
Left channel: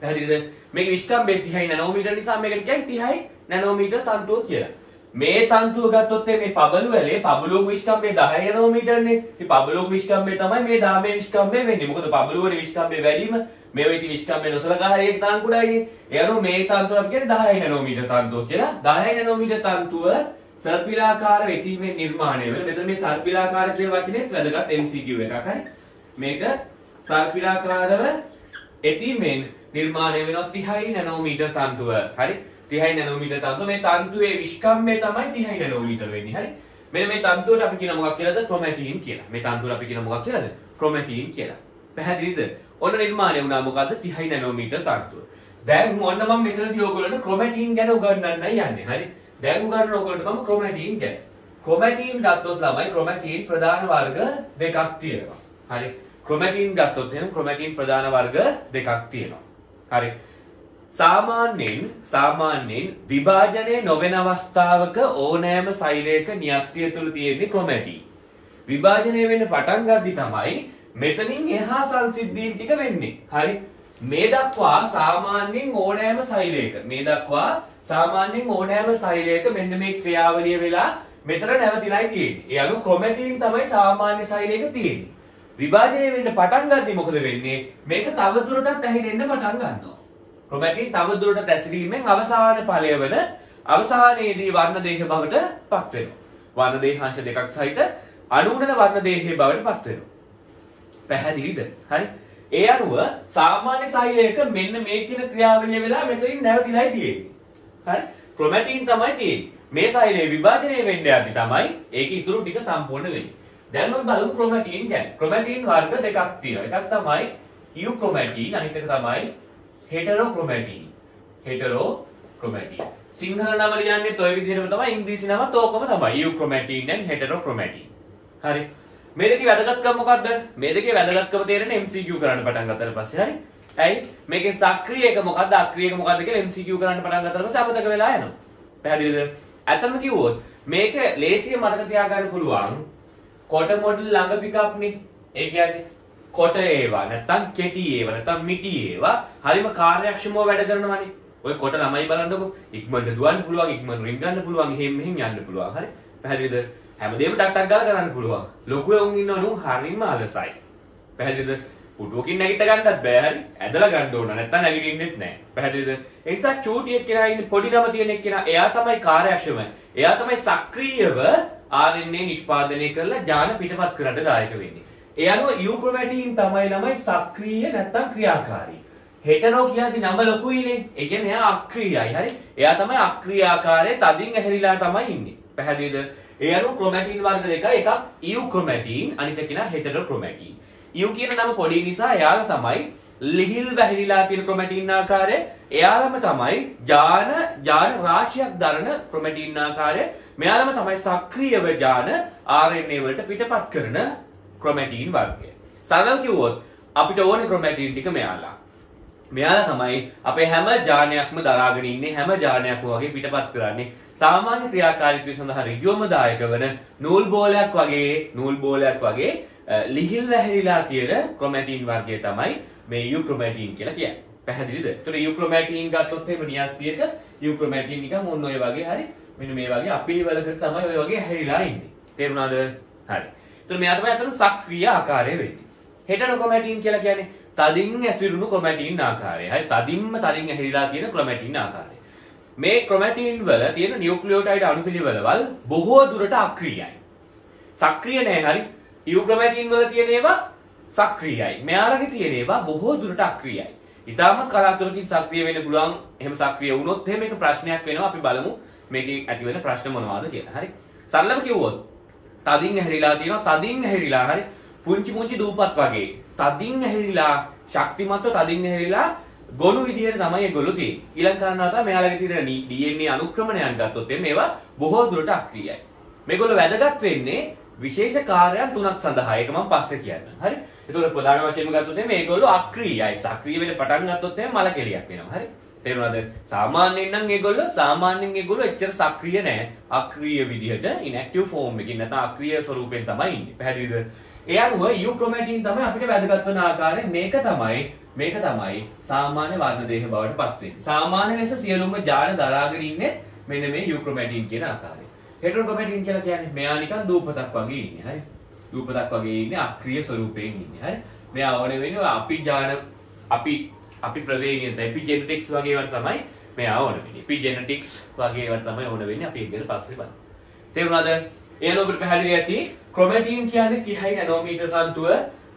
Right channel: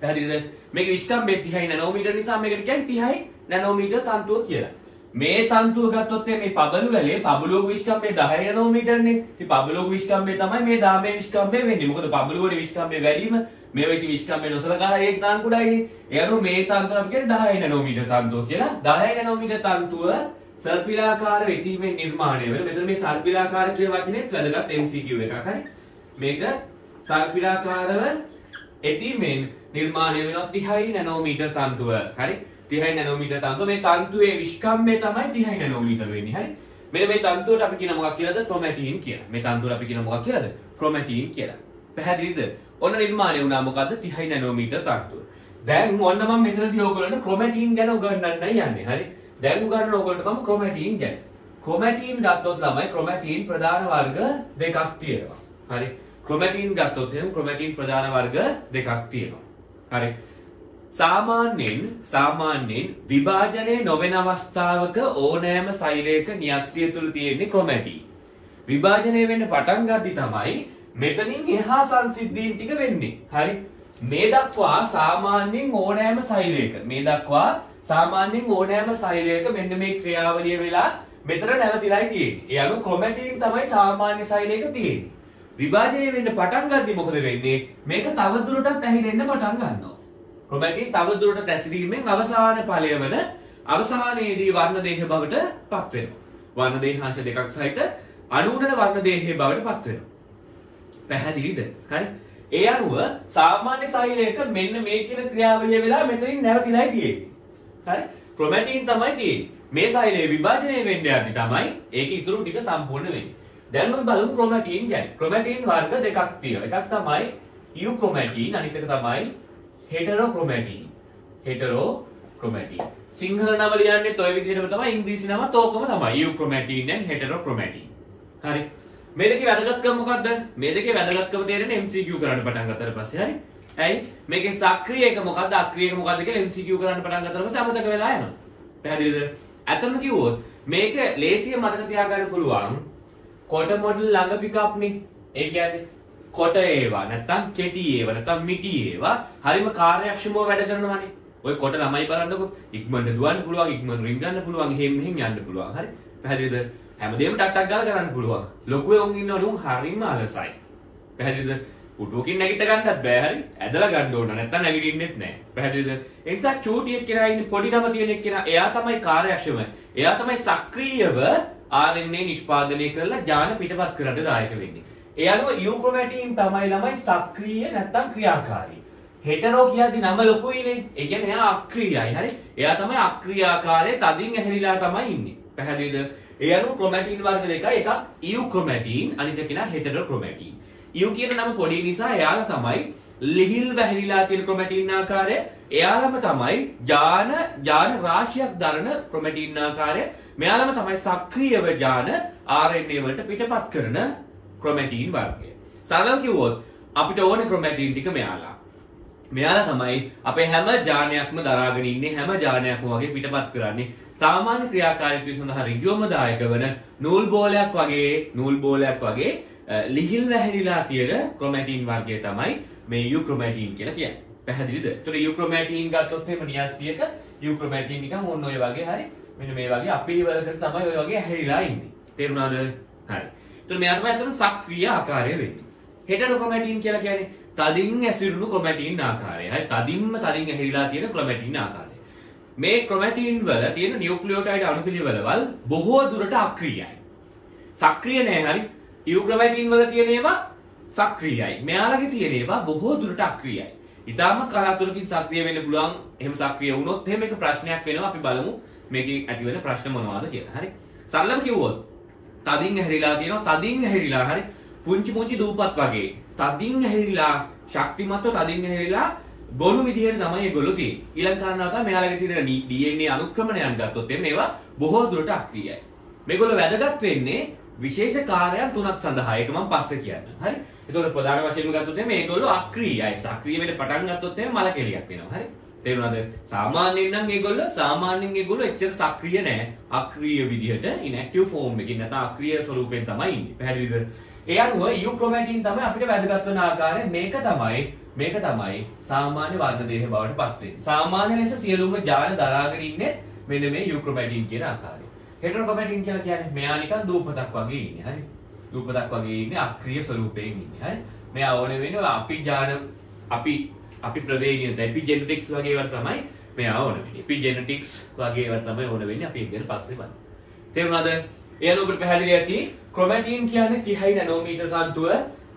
පැහැදිලිද? මේකේ විස්කම්භය 30 නැනෝමීටර් නිසා මේකට කියන්නේ 30 නැනෝමීටර් තන්තුව කියලා. මේ තන්තුව ගත්තොත් මේ පබළු වැලේ පබළුවක විස්කම්භය 10 නැනෝමීටර්නේ. ඉතින් පබළුවක විස්කම්භය තමයි මේ දාමේ විස්කම්භය වෙන්නේ. මොකද පබළුව වල විස්කම්භය වැඩිම මේව ඉතින් විස්කම්භය නොසලකා හරි ඒක තාන් කුඩායි. ඒ අනුව මේ තන්තුව අපි කියන්නේ 10 නැනෝමීටර් තන්තුව කියලා. 10 නැනෝමීටර් තන්තුව සර්පිලාකාර වෙටීමෙන් නිර්මාණය වෙන. මෙතන මේ සර්පිලාකාර කියන වචනේත් වැදගත් MCQ එකක්. හරි. මේක සර්පිලාකාරව එතීමෙන් නිර්මාණය වෙන 30 නැනෝමීටර් තන්තුව. හරි. 30 නැනෝමීටර් තන්තුව මේ තන්තුවේ විස්කම්භය තමයි 30 නැනෝමීටර් වෙන්නේ. හරි. මෙන්න මේ තන්තුවට අපි කියන මොකක් කියලාද? ක්‍රොමැටින් කියලා. මේ තන්තුවට අපි කියන මොකක් කියලාද? ක්‍රොමැටින් කියලා. පැහැදිලිද? ඔන්න නිර්මාණය වුණා මොකද්ද? 30 නැනෝමීටර් තන්තුව. දැන් ඔන්න මම මෙතනදී ඔයගොල්ලන්ට ක්‍රොමැටින් ගැන උගන්වන්නයි යන්නේ. හරි. දැන් උගන්වන ඔයගොල්ලන්ට මම ක්‍රොමැටින් ගැන. ක්‍රොමැටින් ගත්තොත් ළමයි ක්‍රොමැටින් ප්‍රධාන වර්ග දෙකක් තියෙනවා. හරි. ක්‍රොමැටින් ගත්තොත් එහෙනම් ක්‍රොමැටින් ප්‍රධාන වර්ග දෙකක් තියෙනවා. හරි. සාමාන්‍යයෙන් විභාජනය නොවන අවස්ථාවක ඕනෑම සෛලයක න්‍යෂ්ටිය තුල තියෙන්නේ ක්‍රොමැටින්. විභාජනය වෙන්න පටන් ගද්දි තමයි මෙතනින් එහා සංසිද්ධීන් ටික වෙන්නේ. හරි. මේ දක්වා සාමාන්‍යයෙන් ඕනෑම සෛලයක මෙන්න මේ ක්‍රියාවලිය වෙලා මෙතන නැවතිලායි තියෙන්නේ. ඒ අනුව ක්‍රොමැටින් තමයි සාමාන්‍ය සෛලයක තියෙන්නේ. විභාජනය වෙන්න පටන් ගද්දි මොකද වෙන්නේ? මේක තවදුරටත් ඇහිරෙන්න පටන් ගන්නවා. ක්‍රොමැටින් තවදුරටත් ඇසිරීමෙන් අවසාන ඵලය වන අවසානයේදී වර්ණ දේහ බවට පත් වෙනවා. වර්ණ දේහාංශ දෙකක් සහිත අනුගුණ වර්ණ දේහයේ බවට පත් වෙනවා. පැහැදිලිද? හරි. ඒ අනුව සාමාන්‍ය සෛලයක මෙන්න මේ කියන ක්‍රියාවලිය වෙලා මෙතනින් නැවතිලායි තියෙන්නේ. හරි. ක්‍රොමැටින් තමයි තියෙන්නේ. මේ සෛලයේ විභාජනය වෙන්න යද්දි තමයි ඒක ඉතුරු ටික සම්පූර්ණ වෙන්නේ. දැන් මම බලමු ක්‍රොමැටින් ගැන. ක්‍රොමැටින් වර්ග දෙකක් තියෙනවා. එකක් තමයි ඉයුක්‍රොමැටින්, අනිත් එක තමයි හෙටරෝක්‍රොමැටින්. සිංහල නම ලියන්නේත් ඔය විදිහටම තමයි, ඉංග්‍රීසි නමත් ඕකම තමයි. ඉයුක්‍රොමැටින් and හෙටරෝක්‍රොමැටින්. හරි. මේ දෙකේ වැදගත්කම මොකද්ද? මේ දෙකේ වැදගත්කම තේරෙන්නේ MCQ කරන්න පටන් ගත්තට පස්සේ. හරි. ඇයි? මේකේ සක්‍රීය එක මොකද්ද, අක්‍රීය එක මොකද්ද කියලා MCQ කරන්න පටන් ගත්තට පස්සේ අමතක වෙලා යනවා. පැහැදිලිද? ඇත්තම කිව්වොත් මේක ලේසිය මතක තියාගන්න පුළුවන් කොට මොඩල් ළඟ පිකප්නේ. ඒ කියන්නේ කොට ඒවා නැත්තම් කෙටි ඒවා නැත්තම් මිටි ඒවා හරිම කාර්යක්ෂමව වැඩ කරනවානේ. ඔය කොට ළමයි බලන්නකො ඉක්මනට දුවන්න පුළුවන්, ඉක්මනට රින් ගන්න පුළුවන්, මෙහෙම යන්න පුළුවන්. හරි. පැහැදිලිද? හැමදේම ටක් ගාලා කරන්න පුළුවන්. ලොකු උන් ඉන්නවනේ උන් හරිම අලසයි. පැහැදිලිද? පුටුවකින් නැගිට ගන්නත් බෑ. හරි. ඇදලා ගන්න ඕන නැත්තම් නැගිටින්නෙත් නෑ. පැහැදිලිද? ඒ නිසා චූටි එක්කෙනා ඉන්නේ පොඩි නම තියෙන එක්කෙනා එයා තමයි කාර්යක්ෂම. එයා තමයි සක්‍රීයව RNA නිෂ්පාදනය කරලා ජාන පිටපත් කරන්න දායක වෙන්නේ. ඒ අනුව යුක්‍රොමැටින් තමයි ළමයි සක්‍රීය නැත්තම් ක්‍රියාකාරී. හෙටරෝ කියද්දි නම ලොකුයිනේ. ඒ කියන්නේ එයා අක්‍රීයයි. හරි. එයා තමයි අක්‍රියාකාරයේ තදින් ඇහැරිලා තමයි ඉන්නේ. පැහැදිලිද? ඒ අනුව ක්‍රොමැටින් වර්ග දෙකයි. එකක් යුක්‍රොමැටින්, අනිත් එක නා හෙටරෝක්‍රොමැටින්. යු කියන නම පොඩි නිසා එයාලා තමයි ලිහිල් වැහිරිලා තියෙන ක්‍රොමැටින් ආකාරය. එයාලම තමයි ජාන රාශියක් දරන ක්‍රොමැටින් ආකාරය. මෙයාලම තමයි සක්‍රීයව ජාන RNA වලට පිටපත් කරන ක්‍රොමැටින් වර්ගය. සරලව කිව්වොත් අපිට ඕනේ ක්‍රොමැටින් ටික මෙයාලා. මෙයාලා තමයි අපේ හැම ජානයක්ම දරාගෙන ඉන්නේ හැම ජානයක්ම වගේ පිටපත් කරන්නේ සාමාන්‍ය ක්‍රියාකාරීත්වය සඳහා ඍජුවම දායක වන නූල් බෝලයක් වගේ ලිහිල් වැහැරිලා තියෙන ක්‍රොමැටින් වර්ගය තමයි මේ යුක්‍රොමැටින් කියලා කියන්නේ. පැහැදිලිද? ඒතර යුක්‍රොමැටින් ගත්තොත් එහෙම න්‍යාස්තියක යුක්‍රොමැටින් නිකන් ඕන ඔය වගේ හරි මෙන්න මේ වගේ අපිලිවලකට තමයි ඔය වගේ හැරිලා ඉන්නේ. තේරුණාද? හරි. ඒතර මෙයා තමයි අතන සක්‍රීය ආකාරය වෙන්නේ. හෙටරොක්‍රොමැටින් කියලා කියන්නේ තදින් ඇසිරුණු ක්‍රොමැටින් ආකාරය. හරි තදින් ඇහිලා තියෙන ක්‍රොමැටින් ආකාරය. මේ ක්‍රොමැටින් වල තියෙන නියුක්ලියෝටයිඩ් අණුපිළිවෙළවල් බොහෝ දුරට අක්‍රීයයි. සක්‍රීය නෑ හරි. යුක්‍රොමැටින් වල තියෙන ඒවා සක්‍රීයයි. මෙයාලගේ තියෙන ඒවා බොහෝ දුරට අක්‍රීයයි. ඊටාම කලාතුරකින් සක්‍රිය වෙන්න පුළුවන්. එහෙම සක්‍රිය වුණොත් එහෙම එක ප්‍රශ්නයක් වෙනවා. අපි බලමු මේකේ ඇති වෙන ප්‍රශ්න මොනවාද කියලා. හරි. සරලව කිව්වොත් තදින් ඇහිලා තියෙනවා. තදින් ඇහිලා හරි පුංචි දූපත් වගේ තදින් ඇහිලා ශක්තිමත්ව තදින් ඇහිලා ගොනු විදිහට තමයි ඒගොල්ලෝ තියෙන්නේ. ඊළඟ කාරණාව තමයි මෙයාලගේ තියෙන DNA අනුක්‍රමණයන් ගත්තොත් එන්නේ ඒවා බොහෝ දුරට අක්‍රීයයි. මේගොල්ලෝ වැදගත් වෙන්නේ විශේෂ කාර්යයන් තුනක් සඳහා. ඒක මම පස්සේ කියන්නම්. හරි. ඒතකොට ප්‍රධාන වශයෙන්ම ගත්තොත් එන්නේ මේගොල්ලෝ අක්‍රීයයි. සක්‍රීය වෙන්න පටන් ගත්තොත් එන්නේ මල කෙලියක් වෙනවා. හරි. තේරුණාද? සාමාන්‍යයෙන් නම් ඒගොල්ලෝ එච්චර සක්‍රීය නෑ. අක්‍රීය විදිහට ඉන්ඇක්ටිව් ෆෝම් එකකින් නැත්නම් අක්‍රීය ස්වරූපයෙන් තමයි ඉන්නේ. පැහැදිලිද? ඒ අනුව යුක්‍රොමැටින් තමයි අපිට වැදගත් වෙන ආකාරය. මේක තමයි සාමාන්‍ය වර්ණ දේහ බවට පත් වෙන්නේ. සාමාන්‍ය ලෙස සියලුම ජාන දරාගෙන ඉන්නේ මෙන්න මේ යුක්‍රොමැටින් කියන ආකාරය. හෙටරොක්‍රොමැටින් කියලා කියන්නේ මෙයා නිකන් දූපතක් වගේ ඉන්නේ. හරි. දූපතක් වගේ ඉන්නේ අක්‍රීය ස්වරූපයෙන් ඉන්නේ. හරි. මෙයා ඕන වෙන්නේ අපි ප්‍රවේණියට එපිජෙනටික්ස් වගේ ඒවා තමයි මෙයා ඕන වෙන්නේ. එපිජෙනටික්ස් වගේ ඒවා තමයි ඕන වෙන්නේ. අපි ඒක ගැන පස්සේ බලමු. තේරුණාද? එයන ඔබට පැහැදිලි ඇති ක්‍රොමැටින් කියන්නේ 30 නැනෝමීටර් තන්තුව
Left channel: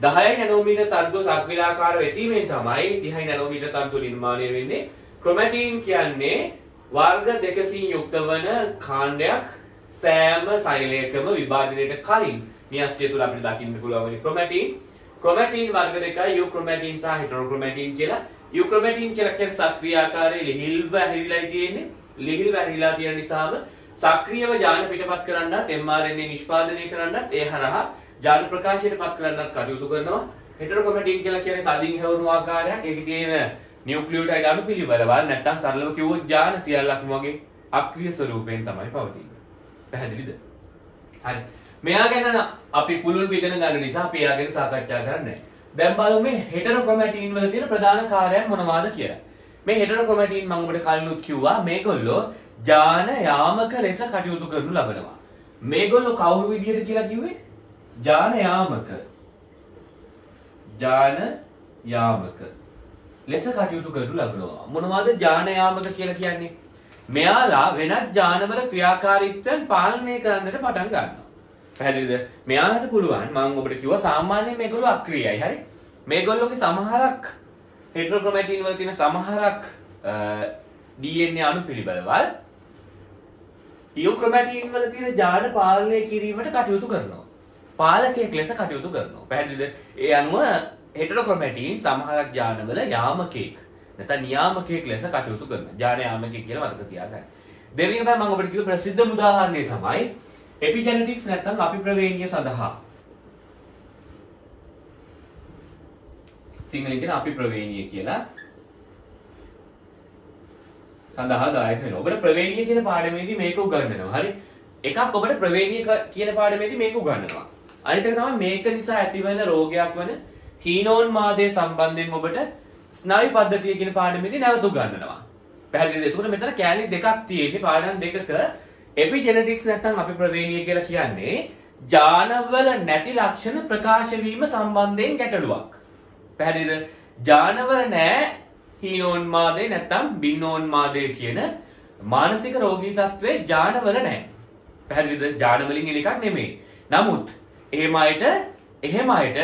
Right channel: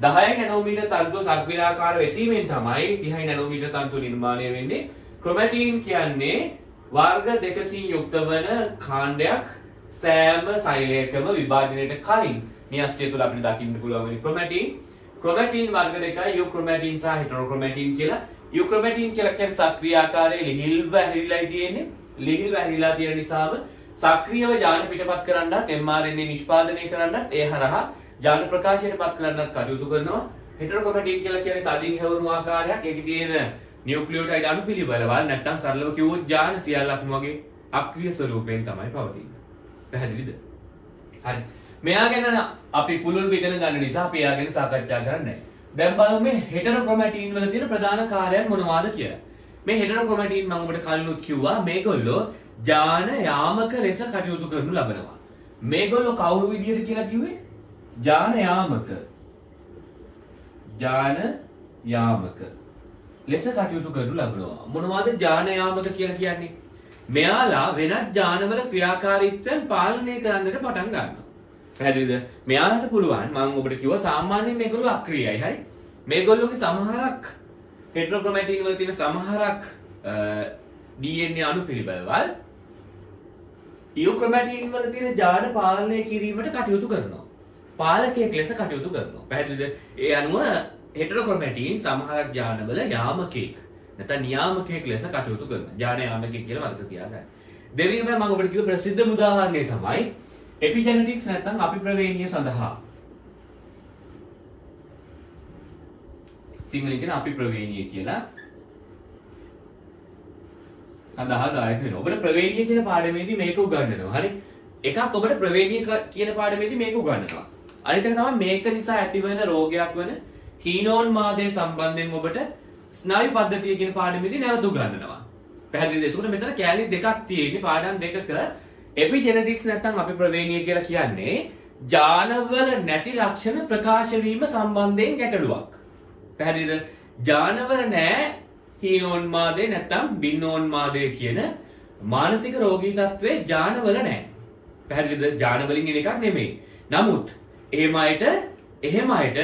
10 නැනෝමීටර් තන්තුව සර්පිලාකාර වෙතීමෙන් තමයි 30 නැනෝමීටර් තන්තුව නිර්මාණය වෙන්නේ. ක්‍රොමැටින් කියන්නේ වර්ග දෙකකින් යුක්ත වන කාණ්ඩයක් සෑම සෛලයකම විභාජනයට කලින් න්‍යෂ්ටිය තුල අපිට දකින්න පුළුවන් ක්‍රොමැටින් වර්ග දෙකයි යුක්‍රොමැටින් සහ හෙටරොක්‍රොමැටින් කියලා. යුක්‍රොමැටින් කියලා කියන්නේ සක්‍රීය ආකාරයේ ලිහිල්ව ඇහිලා තියෙන්නේ. ලිහිල්ව ඇහිලා තියෙන නිසාම සක්‍රීයව ජාන පිටපත් කරන්නත් mRNA නිෂ්පාදනය කරන්නත් ඒ හරහා ජාන ප්‍රකාශයට පත් කරන්නත් කටයුතු කරනවා. හෙටරොක්‍රොමැටින් කියලා කියන්නේ තදින් හැවුණු ආකාරයක්. ඒකේ තියෙන නියුක්ලියෝටයිඩ් අණුපිළිවෙළවල් නැත්තම් සරලව කිව්වොත් ජාන සියල්ලක්ම වගේ අක්‍රීය ස්වරූපයෙන් තමයි පවතින්නේ. පැහැදිලිද? හරි. මෙයා ගැන අපි පුළුල් ඉගෙන ගන්න නිසා අපි එයා ගැන සාකච්ඡා කරන්නේ. දැන් බලමු මේ හෙටරොක්‍රොමැටින් වල තියෙන ප්‍රධාන කාර්යයන් මොනවාද කියලා. මේ හෙටරොක්‍රොමැටින් මම ඔබට කලිනුත් කිව්වා මේගොල්ලෝ ජාන යාමක ලෙස කටයුතු කරනු ලබනවා. මේගොල්ලෝ කවුරු විදියට කියලා කිව්වේ? ජාන යාමක ලෙස කටයුතු කරනු ලබනවා. මොනවද ජාන යාමක කියලා කියන්නේ? මෙයාලා වෙනත් ජානවල ක්‍රියාකාරීත්වයන් පාලනය කරන්නට පටන් ගන්නවා. පැහැදිලිද? මෙයාලට පුළුවන් මම ඔබට කිව්වා සාමාන්‍යයෙන් මේගොල්ලෝ අක්‍රීයයි. හරි. මේගොල්ලෝගේ සමහරක් හෙටරොක්‍රොමැටින් වල තියෙන සමහරක් DNA අණුපිළිවෙළවල් යුක්‍රොමැටින් වල තියෙන ජාන පාලනය කිරීමට කටයුතු කරනවා. පාලකයෙක් ලෙස කටයුතු කරනවා. පැහැදිලිද? ඒ අනුව හෙටරොක්‍රොමැටින් සමහරක් ජානවල යාමකයෙක් නැත්නම් නියාමකයෙක් ලෙස කටයුතු කරනවා. ජාන යාමකයෙක් කියලා වර්ග තියා ගන්න. දෙවෙනි තමයි මම ඔබට කිව්ව ප්‍රසිද්ධම උදාහරණය තමයි එපිජෙනටික්ස් නැත්නම් අපිප්‍රවේණිය සඳහා. සිංහලෙන් කියන අපිප්‍රවේණිය කියලා සඳහා දායක වෙනවා. ඔබට ප්‍රවේණිය කියන පාඩමේදී මේක උගන්වනවා. හරි. එකක් ඔබට ප්‍රවේණිය කියන පාඩමේදී මේක උගන්වනවා. අනිත් එක තමයි මේක නිසා ඇතිවන රෝගයක් වන හීනෝන්මාදය සම්බන්ධයෙන් ඔබට ස්නායු පද්ධතිය කියන පාඩමේදී නැවත උගන්වනවා. පැහැදිලිද? එතකොට මෙතන කැලි දෙකක් තියෙන්නේ පාඩම් දෙකක. එපිජෙනටික්ස් නැත්නම් අපිප්‍රවේණිය කියලා කියන්නේ ජානවල නැති ලක්ෂණ ප්‍රකාශ වීම සම්බන්ධයෙන් ගැටලුවක්. පැහැදිලිද? ජානවල නැහැ හීනෝන්මාදය නැත්නම් බින්නෝන්මාදය කියන මානසික රෝගී තත්ත්වයේ ජානවල නැහැ. පැහැදිලිද? ජානවලින් එන එකක් නෙමෙයි. නමුත් එහෙම අයට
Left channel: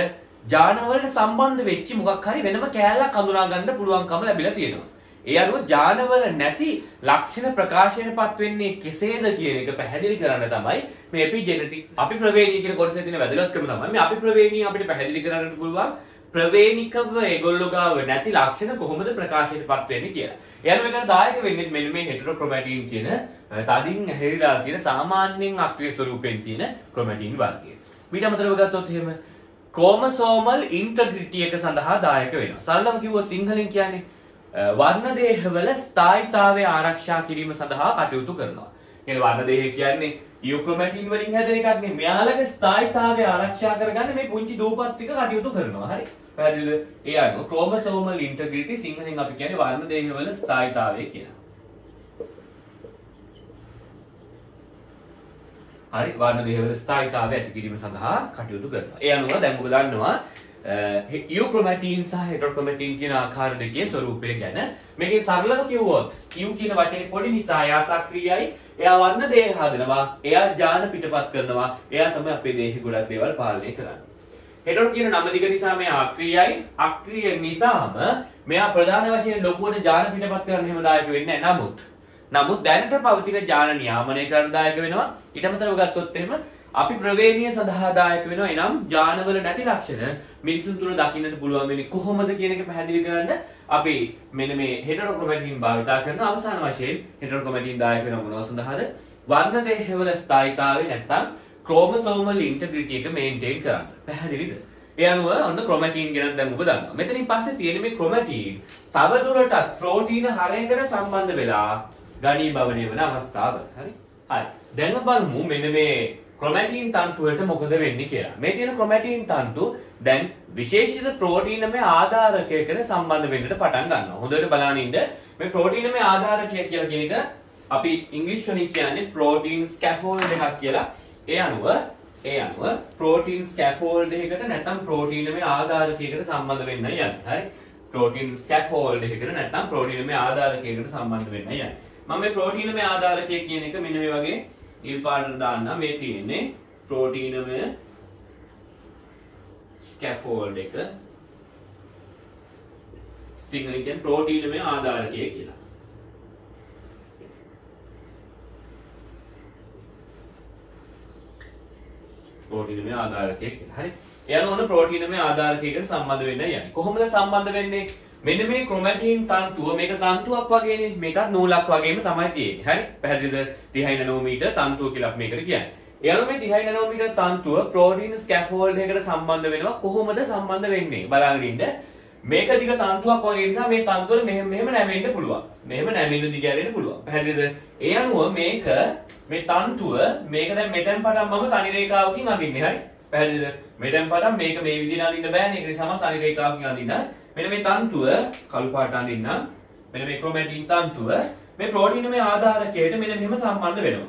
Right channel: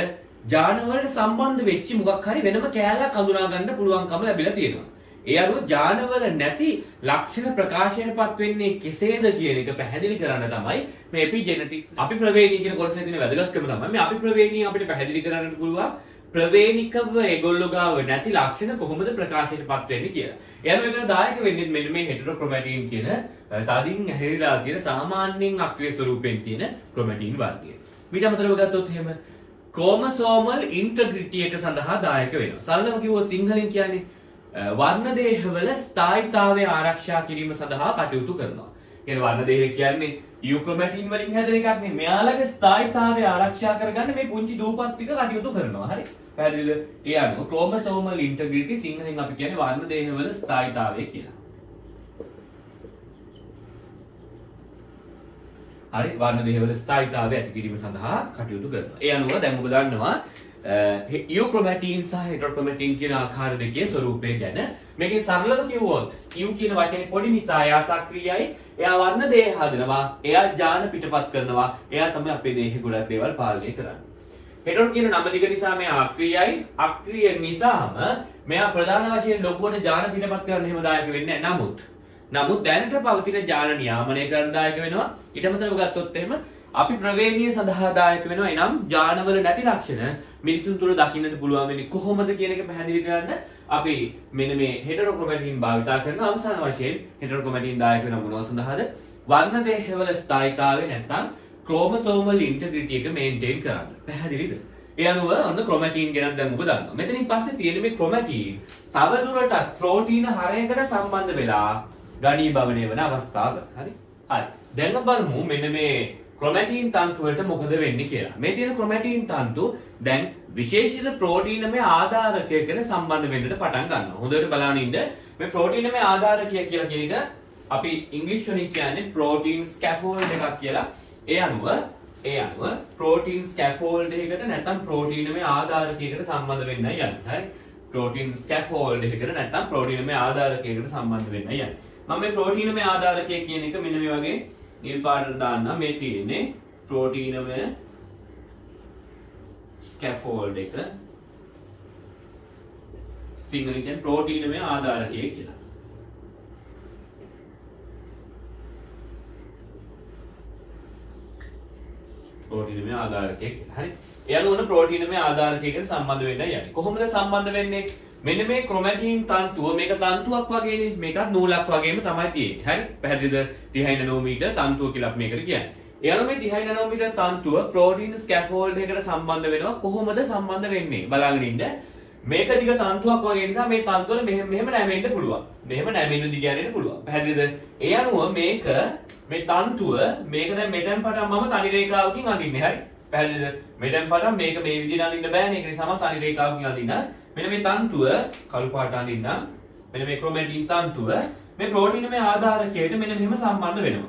ජානවලට සම්බන්ධ වෙච්ච මොකක් හරි වෙනම කෑල්ලක් හඳුනා ගන්න පුළුවන්කම ලැබිලා තියෙනවා. ඒ අනුව ජානවල නැති ලක්ෂණ ප්‍රකාශයටපත් වෙන්නේ කෙසේද කියන එක පැහැදිලි කරන්න තමයි මේ එපිජෙනටික්ස් අපිප්‍රවේණිය කියන කොටසේ තියෙන වැදගත්කම තමයි මේ අපිප්‍රවේණිය අපිට පැහැදිලි කරන්න පුළුවන් ප්‍රවේණිකව ඒගොල්ලෝ ගාව නැති ලක්ෂණ කොහොමද ප්‍රකාශයටපත් වෙන්නේ කියලා. එයාලු එකට දායක වෙන්නේ මෙන්න මේ හෙටරොක්‍රොමැටින් කියන තදින් හැරිලා තියෙන සාමාන්‍යයෙන් අක්‍රීය ස්වරූපයෙන් තියෙන ක්‍රොමැටින් වර්ගය. ඊට අමතරව ගත්තොත් එහෙම ක්‍රෝමසෝමල් ඉන්ටග්‍රිටි එක සඳහා දායක වෙනවා. සරලව කිව්වොත් සිංහලෙන් කියන්නේ වර්ණ දේහවල ස්ථායීතාවය ආරක්ෂා කිරීම සඳහා කටයුතු කරනවා. කියන්නේ වර්ණ දේහ කියන්නේ යුක්‍රොමැටින් වලින් හැදෙන එකක් නේ. මෙයාලගේ ස්ථායීතාවය ආරක්ෂා කරගන්න මේ පුංචි දූපත් ටික කටයුතු කරනවා. හරි. පැහැදිලිද? ඒ අනුව ක්‍රෝමසෝමල් ඉන්ටග්‍රිටි සිංහලෙන් අපි කියන්නේ වර්ණ දේහවල ස්ථායීතාවය කියලා. හරි. වර්ණ දේහවල ස්ථායීතාවය ඇති කිරීම සඳහා කටයුතු කරනවා. ඒ අනුව දැන් ඔබ දන්නවා යුක්‍රොමැටින් සහ හෙටරොක්‍රොමැටින් කියන ආකාර දෙකේ ස්වරූපය ගැන. මේකේ සරලව කිව්වොත් යු කියන වචනේ පොඩි නිසා එයා සක්‍රියයි. එයා වර්ණ දේහ හදනවා. එයා ජාන පිටපත් කරනවා. එයා තමයි අපේ දේහේ ගොඩක් දේවල් පාලනය කරන්නේ. හෙටරෝ කියන නම ලික නිසා මෙයා අක්‍රියයි. අක්‍රිය නිසාම මෙයා ප්‍රධාන වශයෙන් ලොකුවට ජාන පිටපත් කරන්න හැම දායක වෙන්නේ නැහැ. නමුත් දැනට පවතින ජාන නියාමනය කරන දායක වෙනවා. ඊට අමතරව ගත්තොත් එහෙම අපි ප්‍රවේණීය සඳහා දායක වෙනවා. එනම් ජානවල නැති ලක්ෂණ මිනිසුන් තුළ දකින්නට පුළුවන් වෙන්නේ කොහොමද කියන එක පැහැදිලි කරන්න අපි මෙන්න මේ හෙටරොක්‍රොමැටින් භාවිතා කරන අවසාන වශයෙන් හෙටරොක්‍රොමැටින් දායක වෙන මොනවා සඳහාද? වර්ණ දේහවල ස්ථායීතාවය නැත්නම් ක්‍රෝමසෝමල් ඉන්ටග්‍රිටි එක මේන්ටේන් කරන්න. පැහැදිලිද? ඒ අනුව ඔන්න ක්‍රොමැටින් ගැන දැන් ඔබ දන්නවා. මෙතනින් පස්සේ තියෙන මේ ක්‍රොමැටින් තව දුරටත් ප්‍රෝටීන හරයකට සම්බන්ධ වෙලා ඝනීභවනය වන අවස්ථාව. හරි? හරි. දැන් ඔබ බලමු මෙන්න මේ ක්‍රොමැටින් තන්තු වලට මොකද වෙන්නේ කියලා. මේ තියෙන ක්‍රොමැටින් තන්තු දැන් විශේෂිත ප්‍රෝටීනමය ආධාරකයකට සම්බන්ධ වෙන්නට පටන් ගන්නවා. හොඳට බලන්න ඉන්න මේ ප්‍රෝටීනමය ආධාරකය කියලා කියන එක අපි ඉංග්‍රීසි වලින් කියන්නේ ප්‍රෝටීන් ස්කැෆෝල්ඩ් එකක් කියලා. ඒ අනුව ප්‍රෝටීන් ස්කැෆෝල්ඩ් එකකට නැත්නම් ප්‍රෝටීනමය ආධාරකයකට සම්බන්ධ වෙන්නයි යන්නේ. හරි? ප්‍රෝටීන් ස්කැෆෝල්ඩ් එකකට නැත්නම් ප්‍රෝටීනමය ආධාරකයකට සම්බන්ධ වෙන්නයි යන්නේ. මම මේ ප්‍රෝටීනමය ආධාරකය කියන එක මෙන්න මේ වගේ නිල් පාටට දාන්න. මේ තියෙන්නේ ප්‍රෝටීනමය ස්කැෆෝල්ඩ් එක. සිංහලෙන් කියන්නේ ප්‍රෝටීනමය ආධාරකය කියලා. ප්‍රෝටීනමය ආධාරකය කියලා. හරි. ඒ අනුව උන ප්‍රෝටීනමය ආධාරකයකට සම්බන්ධ වෙන්න යන්නේ. කොහොමද සම්බන්ධ වෙන්නේ? මෙන්න මේ ක්‍රොමැටින් තන්තුව මේක තන්තුවක් වගේනේ. මේකත් නූලක් වගේම තමයි තියෙන්නේ. හරි? පැහැදිලිද? 30 නැනෝමීටර් තන්තුව කියලා අපි මේකට කියන්නේ. ඒ අනුව මේ 30 නැනෝමීටර් තන්තුව ප්‍රෝටීන් ස්කැෆෝල්ඩ් එකකට සම්බන්ධ වෙනවා. කොහොමද සම්බන්ධ වෙන්නේ? බලාගෙන ඉන්න. මේක දිග තන්තුවක් වගේ නිසා මේ තන්තුවල මෙහෙම නැමෙන්න පුළුවන්. මෙහෙම නැමෙන්න දිග ඇරෙන්න පුළුවන්. පැහැදිලිද? ඒ අනුව මේක මේ තන්තුව මේක දැන් මෙතෙන් පටන් මම තනි රේඛාවකින් අඳින්නේ. හරි? පැහැදිලිද? මෙතෙන් පටන් මේක මේ විදිහට අඳින්න බෑනේ. ඒක නිසා මම තනි රේඛාවකින් අඳින්න. මෙන්න මේ තන්තුව කළු පාට අඳින්න. මෙන්න මේ ක්‍රොමැටින් තන්තුව මේ ප්‍රෝටීනමය ආධාරකයට මෙන්න මෙහෙම සම්බන්ධ වෙනවා.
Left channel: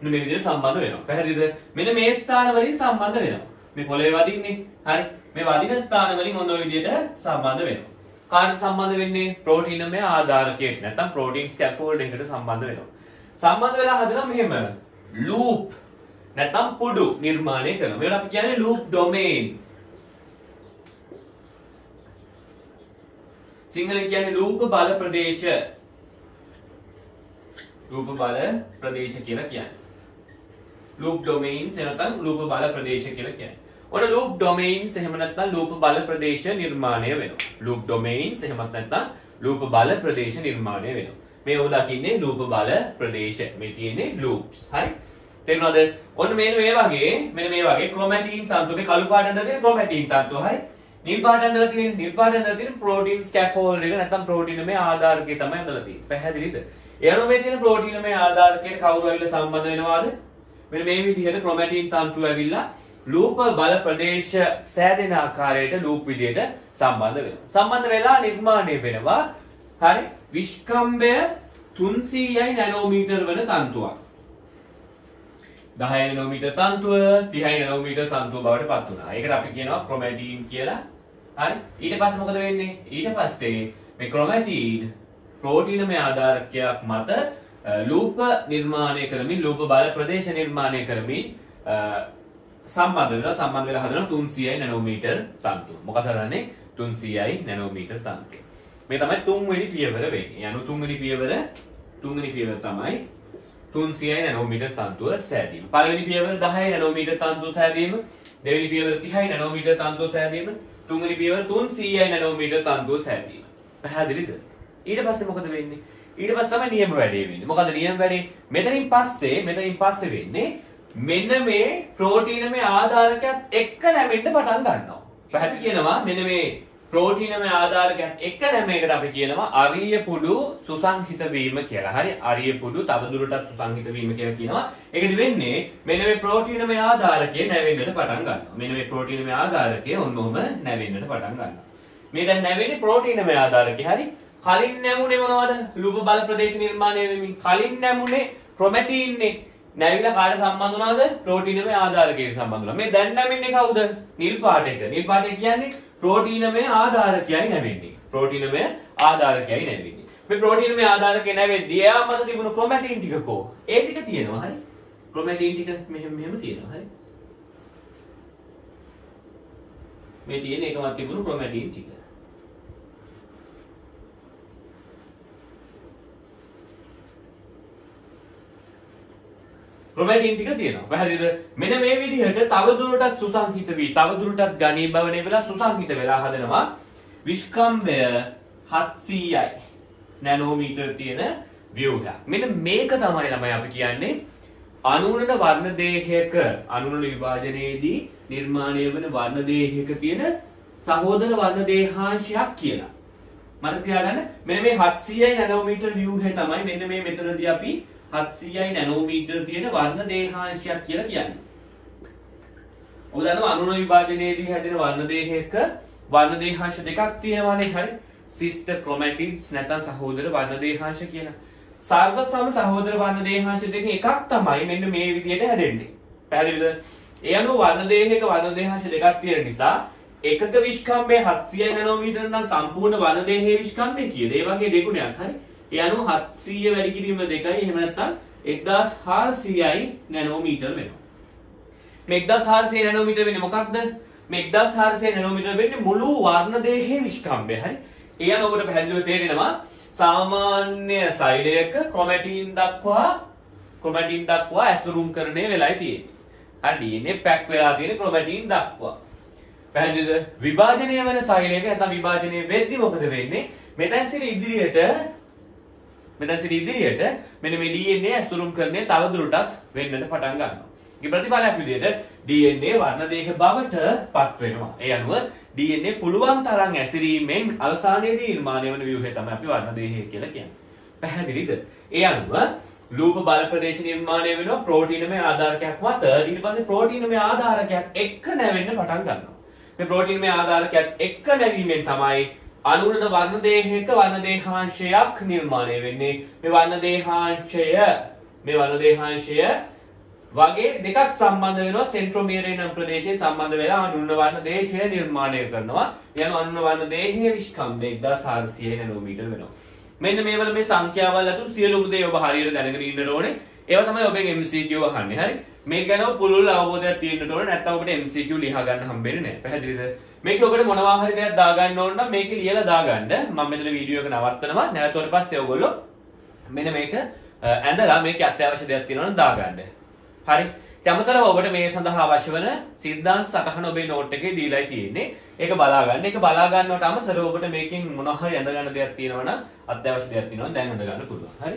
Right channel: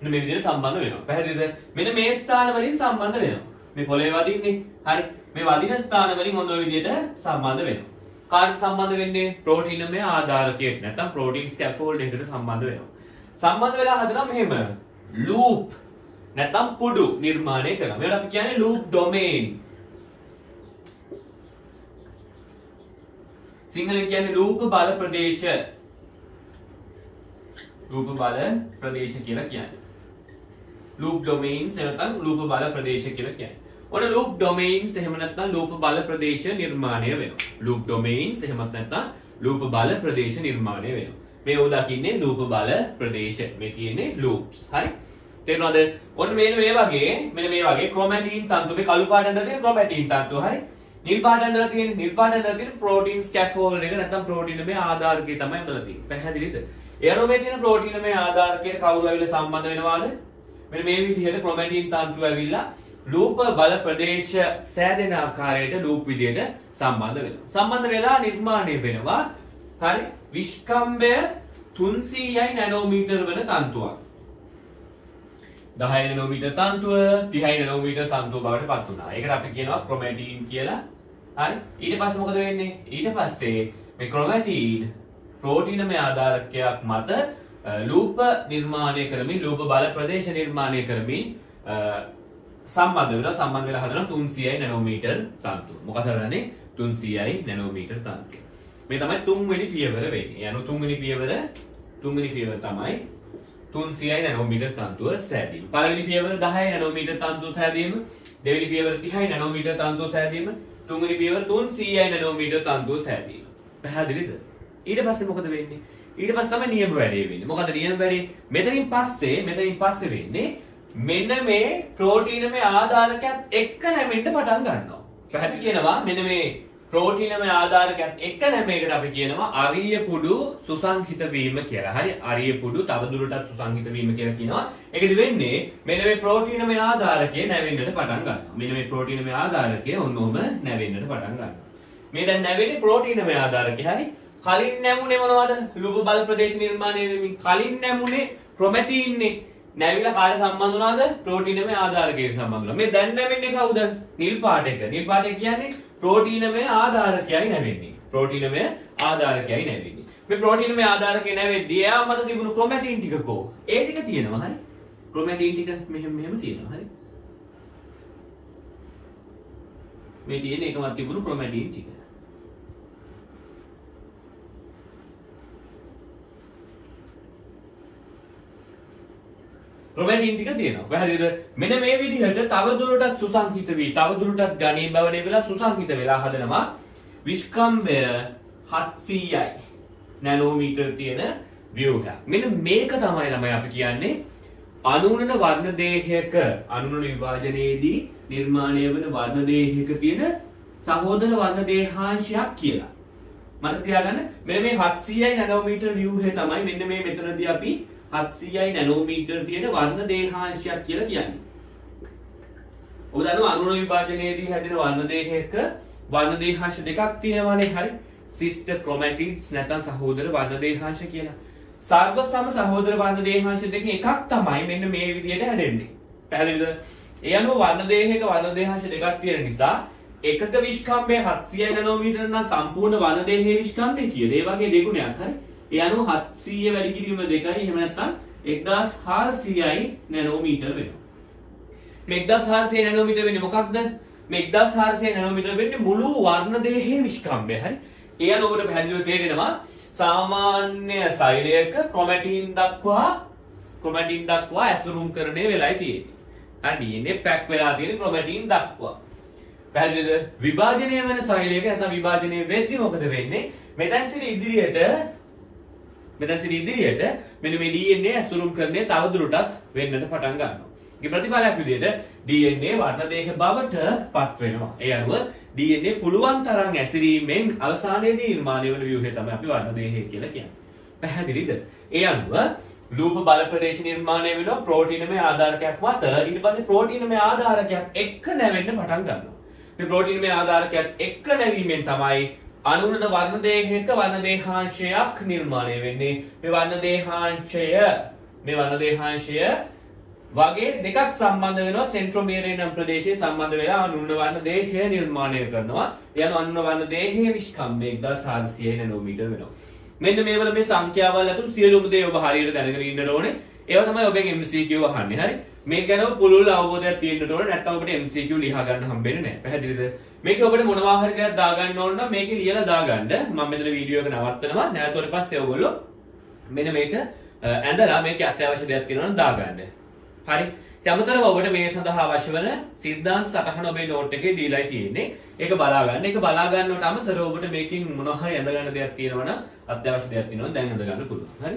මෙන්න මේ විදිහට සම්බන්ධ වෙනවා. පැහැදිලිද? මෙන්න මේ ස්ථාන වලින් සම්බන්ධ වෙනවා. මේ පොළවේ වදින්නේ. හරි. මේ වදින ස්ථාන වලින් හොඳ විදිහට සම්බන්ධ වෙනවා. කාට සම්බන්ධ වෙන්නේ? ප්‍රෝටීනමය ආධාරකයට නැත්නම් ප්‍රෝටීන් ස්කැෆෝල්ඩ් එකකට සම්බන්ධ වෙනවා. සම්බන්ධ වෙලා හදනවා මෙහෙම ලූප් නැත්නම් පුඩු නිර්මාණය කරනවා. මේකට අපි කියන්නේ ලූප් ඩොමේන්. සිංහලෙන් කියන්නේ ලූප බල ප්‍රදේශ. ලූප බල ප්‍රදේශ කියලා කියන්නේ. ලූප් ඩොමේන්ස් නැත්නම් ලූප බල ප්‍රදේශ කියලා කියන්නේ. ඔන්න ලූප් ඩොමේන්ස් එහෙම නැත්නම් ලූප බල ප්‍රදේශ නිර්මාණය වෙනවා. ලූප් ඩොමේන්ස් එහෙම නැත්නම් ලූප බල ප්‍රදේශ නිර්මාණය වෙනවා. මේ ඔබ දකින්නේ ලූප බල ප්‍රදේශ. මේ තියෙන්නේ ලූප්ස්. හරි? තේරුණාද? ඔන්න මෙන්න මේ වගේ ක්‍රොමැටින් තන්තු මේ කළු පාට ඇඳලා තියෙන ක්‍රොමැටින් තන්තු. හරි? නිල් පාට ඇඳලා තියෙන ප්‍රෝටීන් ස්කැෆෝල්ඩ් එක නැත්නම් ප්‍රෝටීනමය ආධාරකය තමයි ඇඳලා තියෙන්නේ. පැහැදිලිද? ඒ අනුව මේ තියෙන ප්‍රෝටීනමය ආධාරකයට කවුරු ඇවිල්ලා සම්බන්ධ වෙනවාද? මෙන්න මේ විදිහට ක්‍රොමැටින් තන්තු ඇවිල්ලා ලූප බල ප්‍රදේශ සෑදෙන ආකාරයට ලූප් විදිහට සම්බන්ධ වෙනවා. සම්බන්ධ වෙලා නිර්මාණය වෙනවා. හරි? විස්කම්භය 300යි නැනෝමීටර් වන තන්තුවක්. 10 නැනෝමීටර් තන්තුව 30 නැනෝමීටර් තන්තුව බවට පත් වුණා. ඒකට අපි කියනවා ක්‍රොමැටින් කියලා. හරි? ඊට පස්සේ මොකද වෙන්නේ? ඊට පස්සේ මේ ක්‍රොමැටින් ප්‍රෝටීනමය ආධාරකයක් මත ලූප නිර්මාණය කරමින් ලූප බල ප්‍රදේශ නිර්මාණය කරමින් සම්බන්ධ වෙලා හදන 300යි නැනෝමීටර් තන්තුව. මොකද කරන්නේ? 300යි නැනෝමීටර් තන්තුව. මේ තමයි තුන්වෙනි පියවර වෙන්නේ. යනු තුන්වෙනි පියවර තමයි 300යි නැනෝමීටර් තන්තුව සෑදීම. පළවෙනි පියවර 10යි නැනෝමීටර් තන්තුව සෑදීම. දෙවෙනි පියවර 30යි නැනෝමීටර් තන්තුව සෑදීම. තුන්වෙනි පියවර 300යි නැනෝමීටර් තන්තුව සෑදීම. පැහැදිලිද? ඊට පස්සේ මොකද වෙන්නේ? ඊට පස්සේ තමයි නියම වැඩේ වෙන්නේ. මොකද නියම වැඩේ මෙතනින් පස්සේ වෙන්නේ මෙන්න මේ ප්‍රෝටීනමය ආධාරකයක් එක්ක නැමෙන්න පටන් ගන්නවා. පැහැදිලි කියනවා මෙන්න මේ ප්‍රෝටීනමය ආධාරකයක් එක්ක නැමේකට අපි කියනවා අරිය පුඩු සුසංහිත වීම කියලා. හරි අරිය පුඩු තවදුරටත් සුසංහිත වීම කියලා කියනවා. ඒකද වෙන්නේ මෙන්න මේ ප්‍රෝටීනමය ආධාරකය නැවෙන්නට පටන් ගන්නවා. මෙන්න මේ ප්‍රෝටීනමය ආධාරකය ඔන්නෝම නැවෙන්නට පටන් ගන්නවා. මේ දැන් නැවෙන්නේ ප්‍රෝටීනමය ආධාරකය. හරි කලින් නැමුනේ මොනවද? ලුප බල ප්‍රදේශ නිර්මාණය වෙමින් කලින් නැමුනේ ක්‍රොමැටින්නේ නැවිලා කාට සම්බන්ධ වුණාද? ප්‍රෝටීනමය ආධාරකයට සම්බන්ධ වුණා. මේ දැන් නැවෙන්නේ කවුද? නිල් පාට එක. නිල් පාට එක කියන්නේ ප්‍රෝටීනමය ආධාරකයයි නැවෙන්නේ. ප්‍රෝටීනමය ආධාරකයයි නැවෙන්නේ. මේ ප්‍රෝටීනමය ආධාරකය නැවෙද්දී එයා මත තිබුණු ක්‍රොමැටින් ටික කො? ඒ ටික තියෙනවා. හරි. ක්‍රොමැටින් ටික මෙහෙම තියෙනවා. හරි. මේ තියෙන එකවත් තිබුණු ක්‍රොමැටින් ටික. ක්‍රොමැටින් ටික තියෙනවා. පැහැදිලිද? මෙන්න මේ විදිහට තවදුරටත් සුසංහිත වී තවදුරටත් ඝනීභවණය වෙලා සුසංහිත වෙලා හදනවා විස්කම්භය 700යි නැනෝමීටර් තියෙන ව්‍යුහයක්. මෙන්න මේක තමයි ළමයි අපි කියන්නේ අනුරණ වර්ණ දේහයක අනුරණ විභාජනයේදී නිර්මාණය වන වර්ණ දේහයක තියෙන සහෝදර වර්ණ දේහාංශයක් කියලා. මතක තියාගන්න මෙන්න මේ 700යි නැනෝමීටර් ව්‍යුහය තමයි මෙන්න මේ මෙතනදී අපි 700යි නැනෝමීටර් තියෙන වර්ණ දේහාංශයක් කියලා කියන්නේ. ඔබ දන්නවා අනුරණ විභාජනයේදී හැදෙන වර්ණ දේහයක වර්ණ දේහාංශ දෙකක් තියෙනවානේ. හරි. සිස්ටර් ක්‍රොමැටිඩ්ස් නැත්නම් සහෝදර වර්ණ දේහාංශ කියලා. සර්ව සම සහෝදර වර්ණ දේහාංශ දෙකෙන් එකක් තමයි මෙන්න මේ විදිහට හැදෙන්නේ. පැහැදිලිද? ඒ අනුව වර්ණ දේහයක වර්ණ දේහාංශ දෙකක් තියෙන නිසා එකක විස්කම්භය 700 නැනෝමීටර් නම් සම්පූර්ණ වර්ණ දේහයේ විස්කම්භය කීයද? ඒ වගේ දෙගුණයක්. හරි. ඒ අනුව 700 වැඩි කිරීම 2යි එහෙම නැත්නම් 1400යි නැනෝමීටර් වෙනවා. මේ 1400 නැනෝමීටර් වෙන්නේ මොකක්ද? මේ 1400 නැනෝමීටර් වෙන්නේ මුළු වර්ණ දේහයේ විස්කම්භය. හරි. ඒ අනුව ඔබට පැහැදිලිව තේරෙනවා සාමාන්‍ය සෛලයක ක්‍රොමැටින් දක්වා ඇසුරුම් කරණය වෙලයි තියෙන්නේ. හරි DNA පැක් වෙලා තියෙන ක්‍රොමැටින් දක්වා. පැහැදිලිද? විභාජනය වෙන සෛලයක නැත්නම් විභාජනය වෙද්දී මොකද වෙන්නේ? මෙතෙන් සිට ඉදිරියට මෙන්න මේ DNA ඇසුරුම් කරන්නේ තවදුරටත් වෙන්නට පටන් ගන්නවා. ඒ ප්‍රතිඵලයක් විදිහට DNA වර්ණ දේහ බවට පත් වෙනවා. ඒ අනුව DNA පුළුවන් තරම් ඇසිරීමෙන් අවසානයේදී නිර්මාණය වන ව්‍යුහය තමයි අපි වර්ණ දේහය කියලා කියන්නේ. පැහැදිලිද? ඒ අනුව ලූප බල ප්‍රදේශ නිර්මාණය වෙනවා ප්‍රෝටීනමය ආධාරකයක් මත. ඊට පස්සේ ප්‍රෝටීනමය ආධාරකයක් එක්ක නැවෙන්න පටන් ගන්නවා. මේ ප්‍රෝටීනමය ආධාරකයක් එක්ක නැවීමෙන් තමයි අනුරණ වර්ණ දේහයක වර්ණ දේහාංශයක් නිර්මාණය වෙන්නේ. මේ වර්ණ දේහාංශය වගේ දෙකක් සම්බන්ධ වෙනවා සෙන්ට්‍රොමියරේ නම් ප්‍රදේශයේ සම්බන්ධ වෙලා අනුරණ වර්ණ දේහය නිර්මාණය කරනවා. යන අනුරණ වර්ණ දේහයේ විස්කම්භය 1400 නැනෝමීටර් වෙනවා. මෙන්න මේවල මේ සංඛ්‍යාවල් අතුරු සියලුම දේ ඔබ හරියට දැනගෙන ඉන්න ඕනේ. ඒවා තමයි ඔබෙන් MCQ අහන්නේ. හරි. මේක ගැන පුළුල් අවබෝධයක් තියෙන්න ඕනේ. නැත්නම් ඔබට MCQ ලියා ගන්න හම්බෙන්නේ නැහැ. පැහැදිලිද? මේක ඔබට මොනවා හරි දෙයක් දාගන්න ඕන නම් මේක ලියලා දාගන්න. මම මෙතන වීඩියෝ එක නවත්තනවා. නැවතුනට පස්සේ ඔයගොල්ලෝ මෙන්න මේක ඇඳලා මේකේ අත්‍යවශ්‍ය දෙයක් තියෙනවා නම් දාගන්න. හරි. අමතරව ඔබට මේ සඳහා අවශ්‍ය වන සිද්ධාන්ත සටහන ඔබේ නෝට් එකේ දීලා තියෙන්නේ. ඒක බලා ගන්න. ඒක බලා ගන්නවට අමතරව ඔබට මේකෙන් මොනවා හරි ඇඳ ගන්න දෙයක් තියෙනවා නම් අත්‍යවශ්‍ය දෙයක් තියෙනවා දැන් ඇඳ ගන්න පුළුවන්. හරි.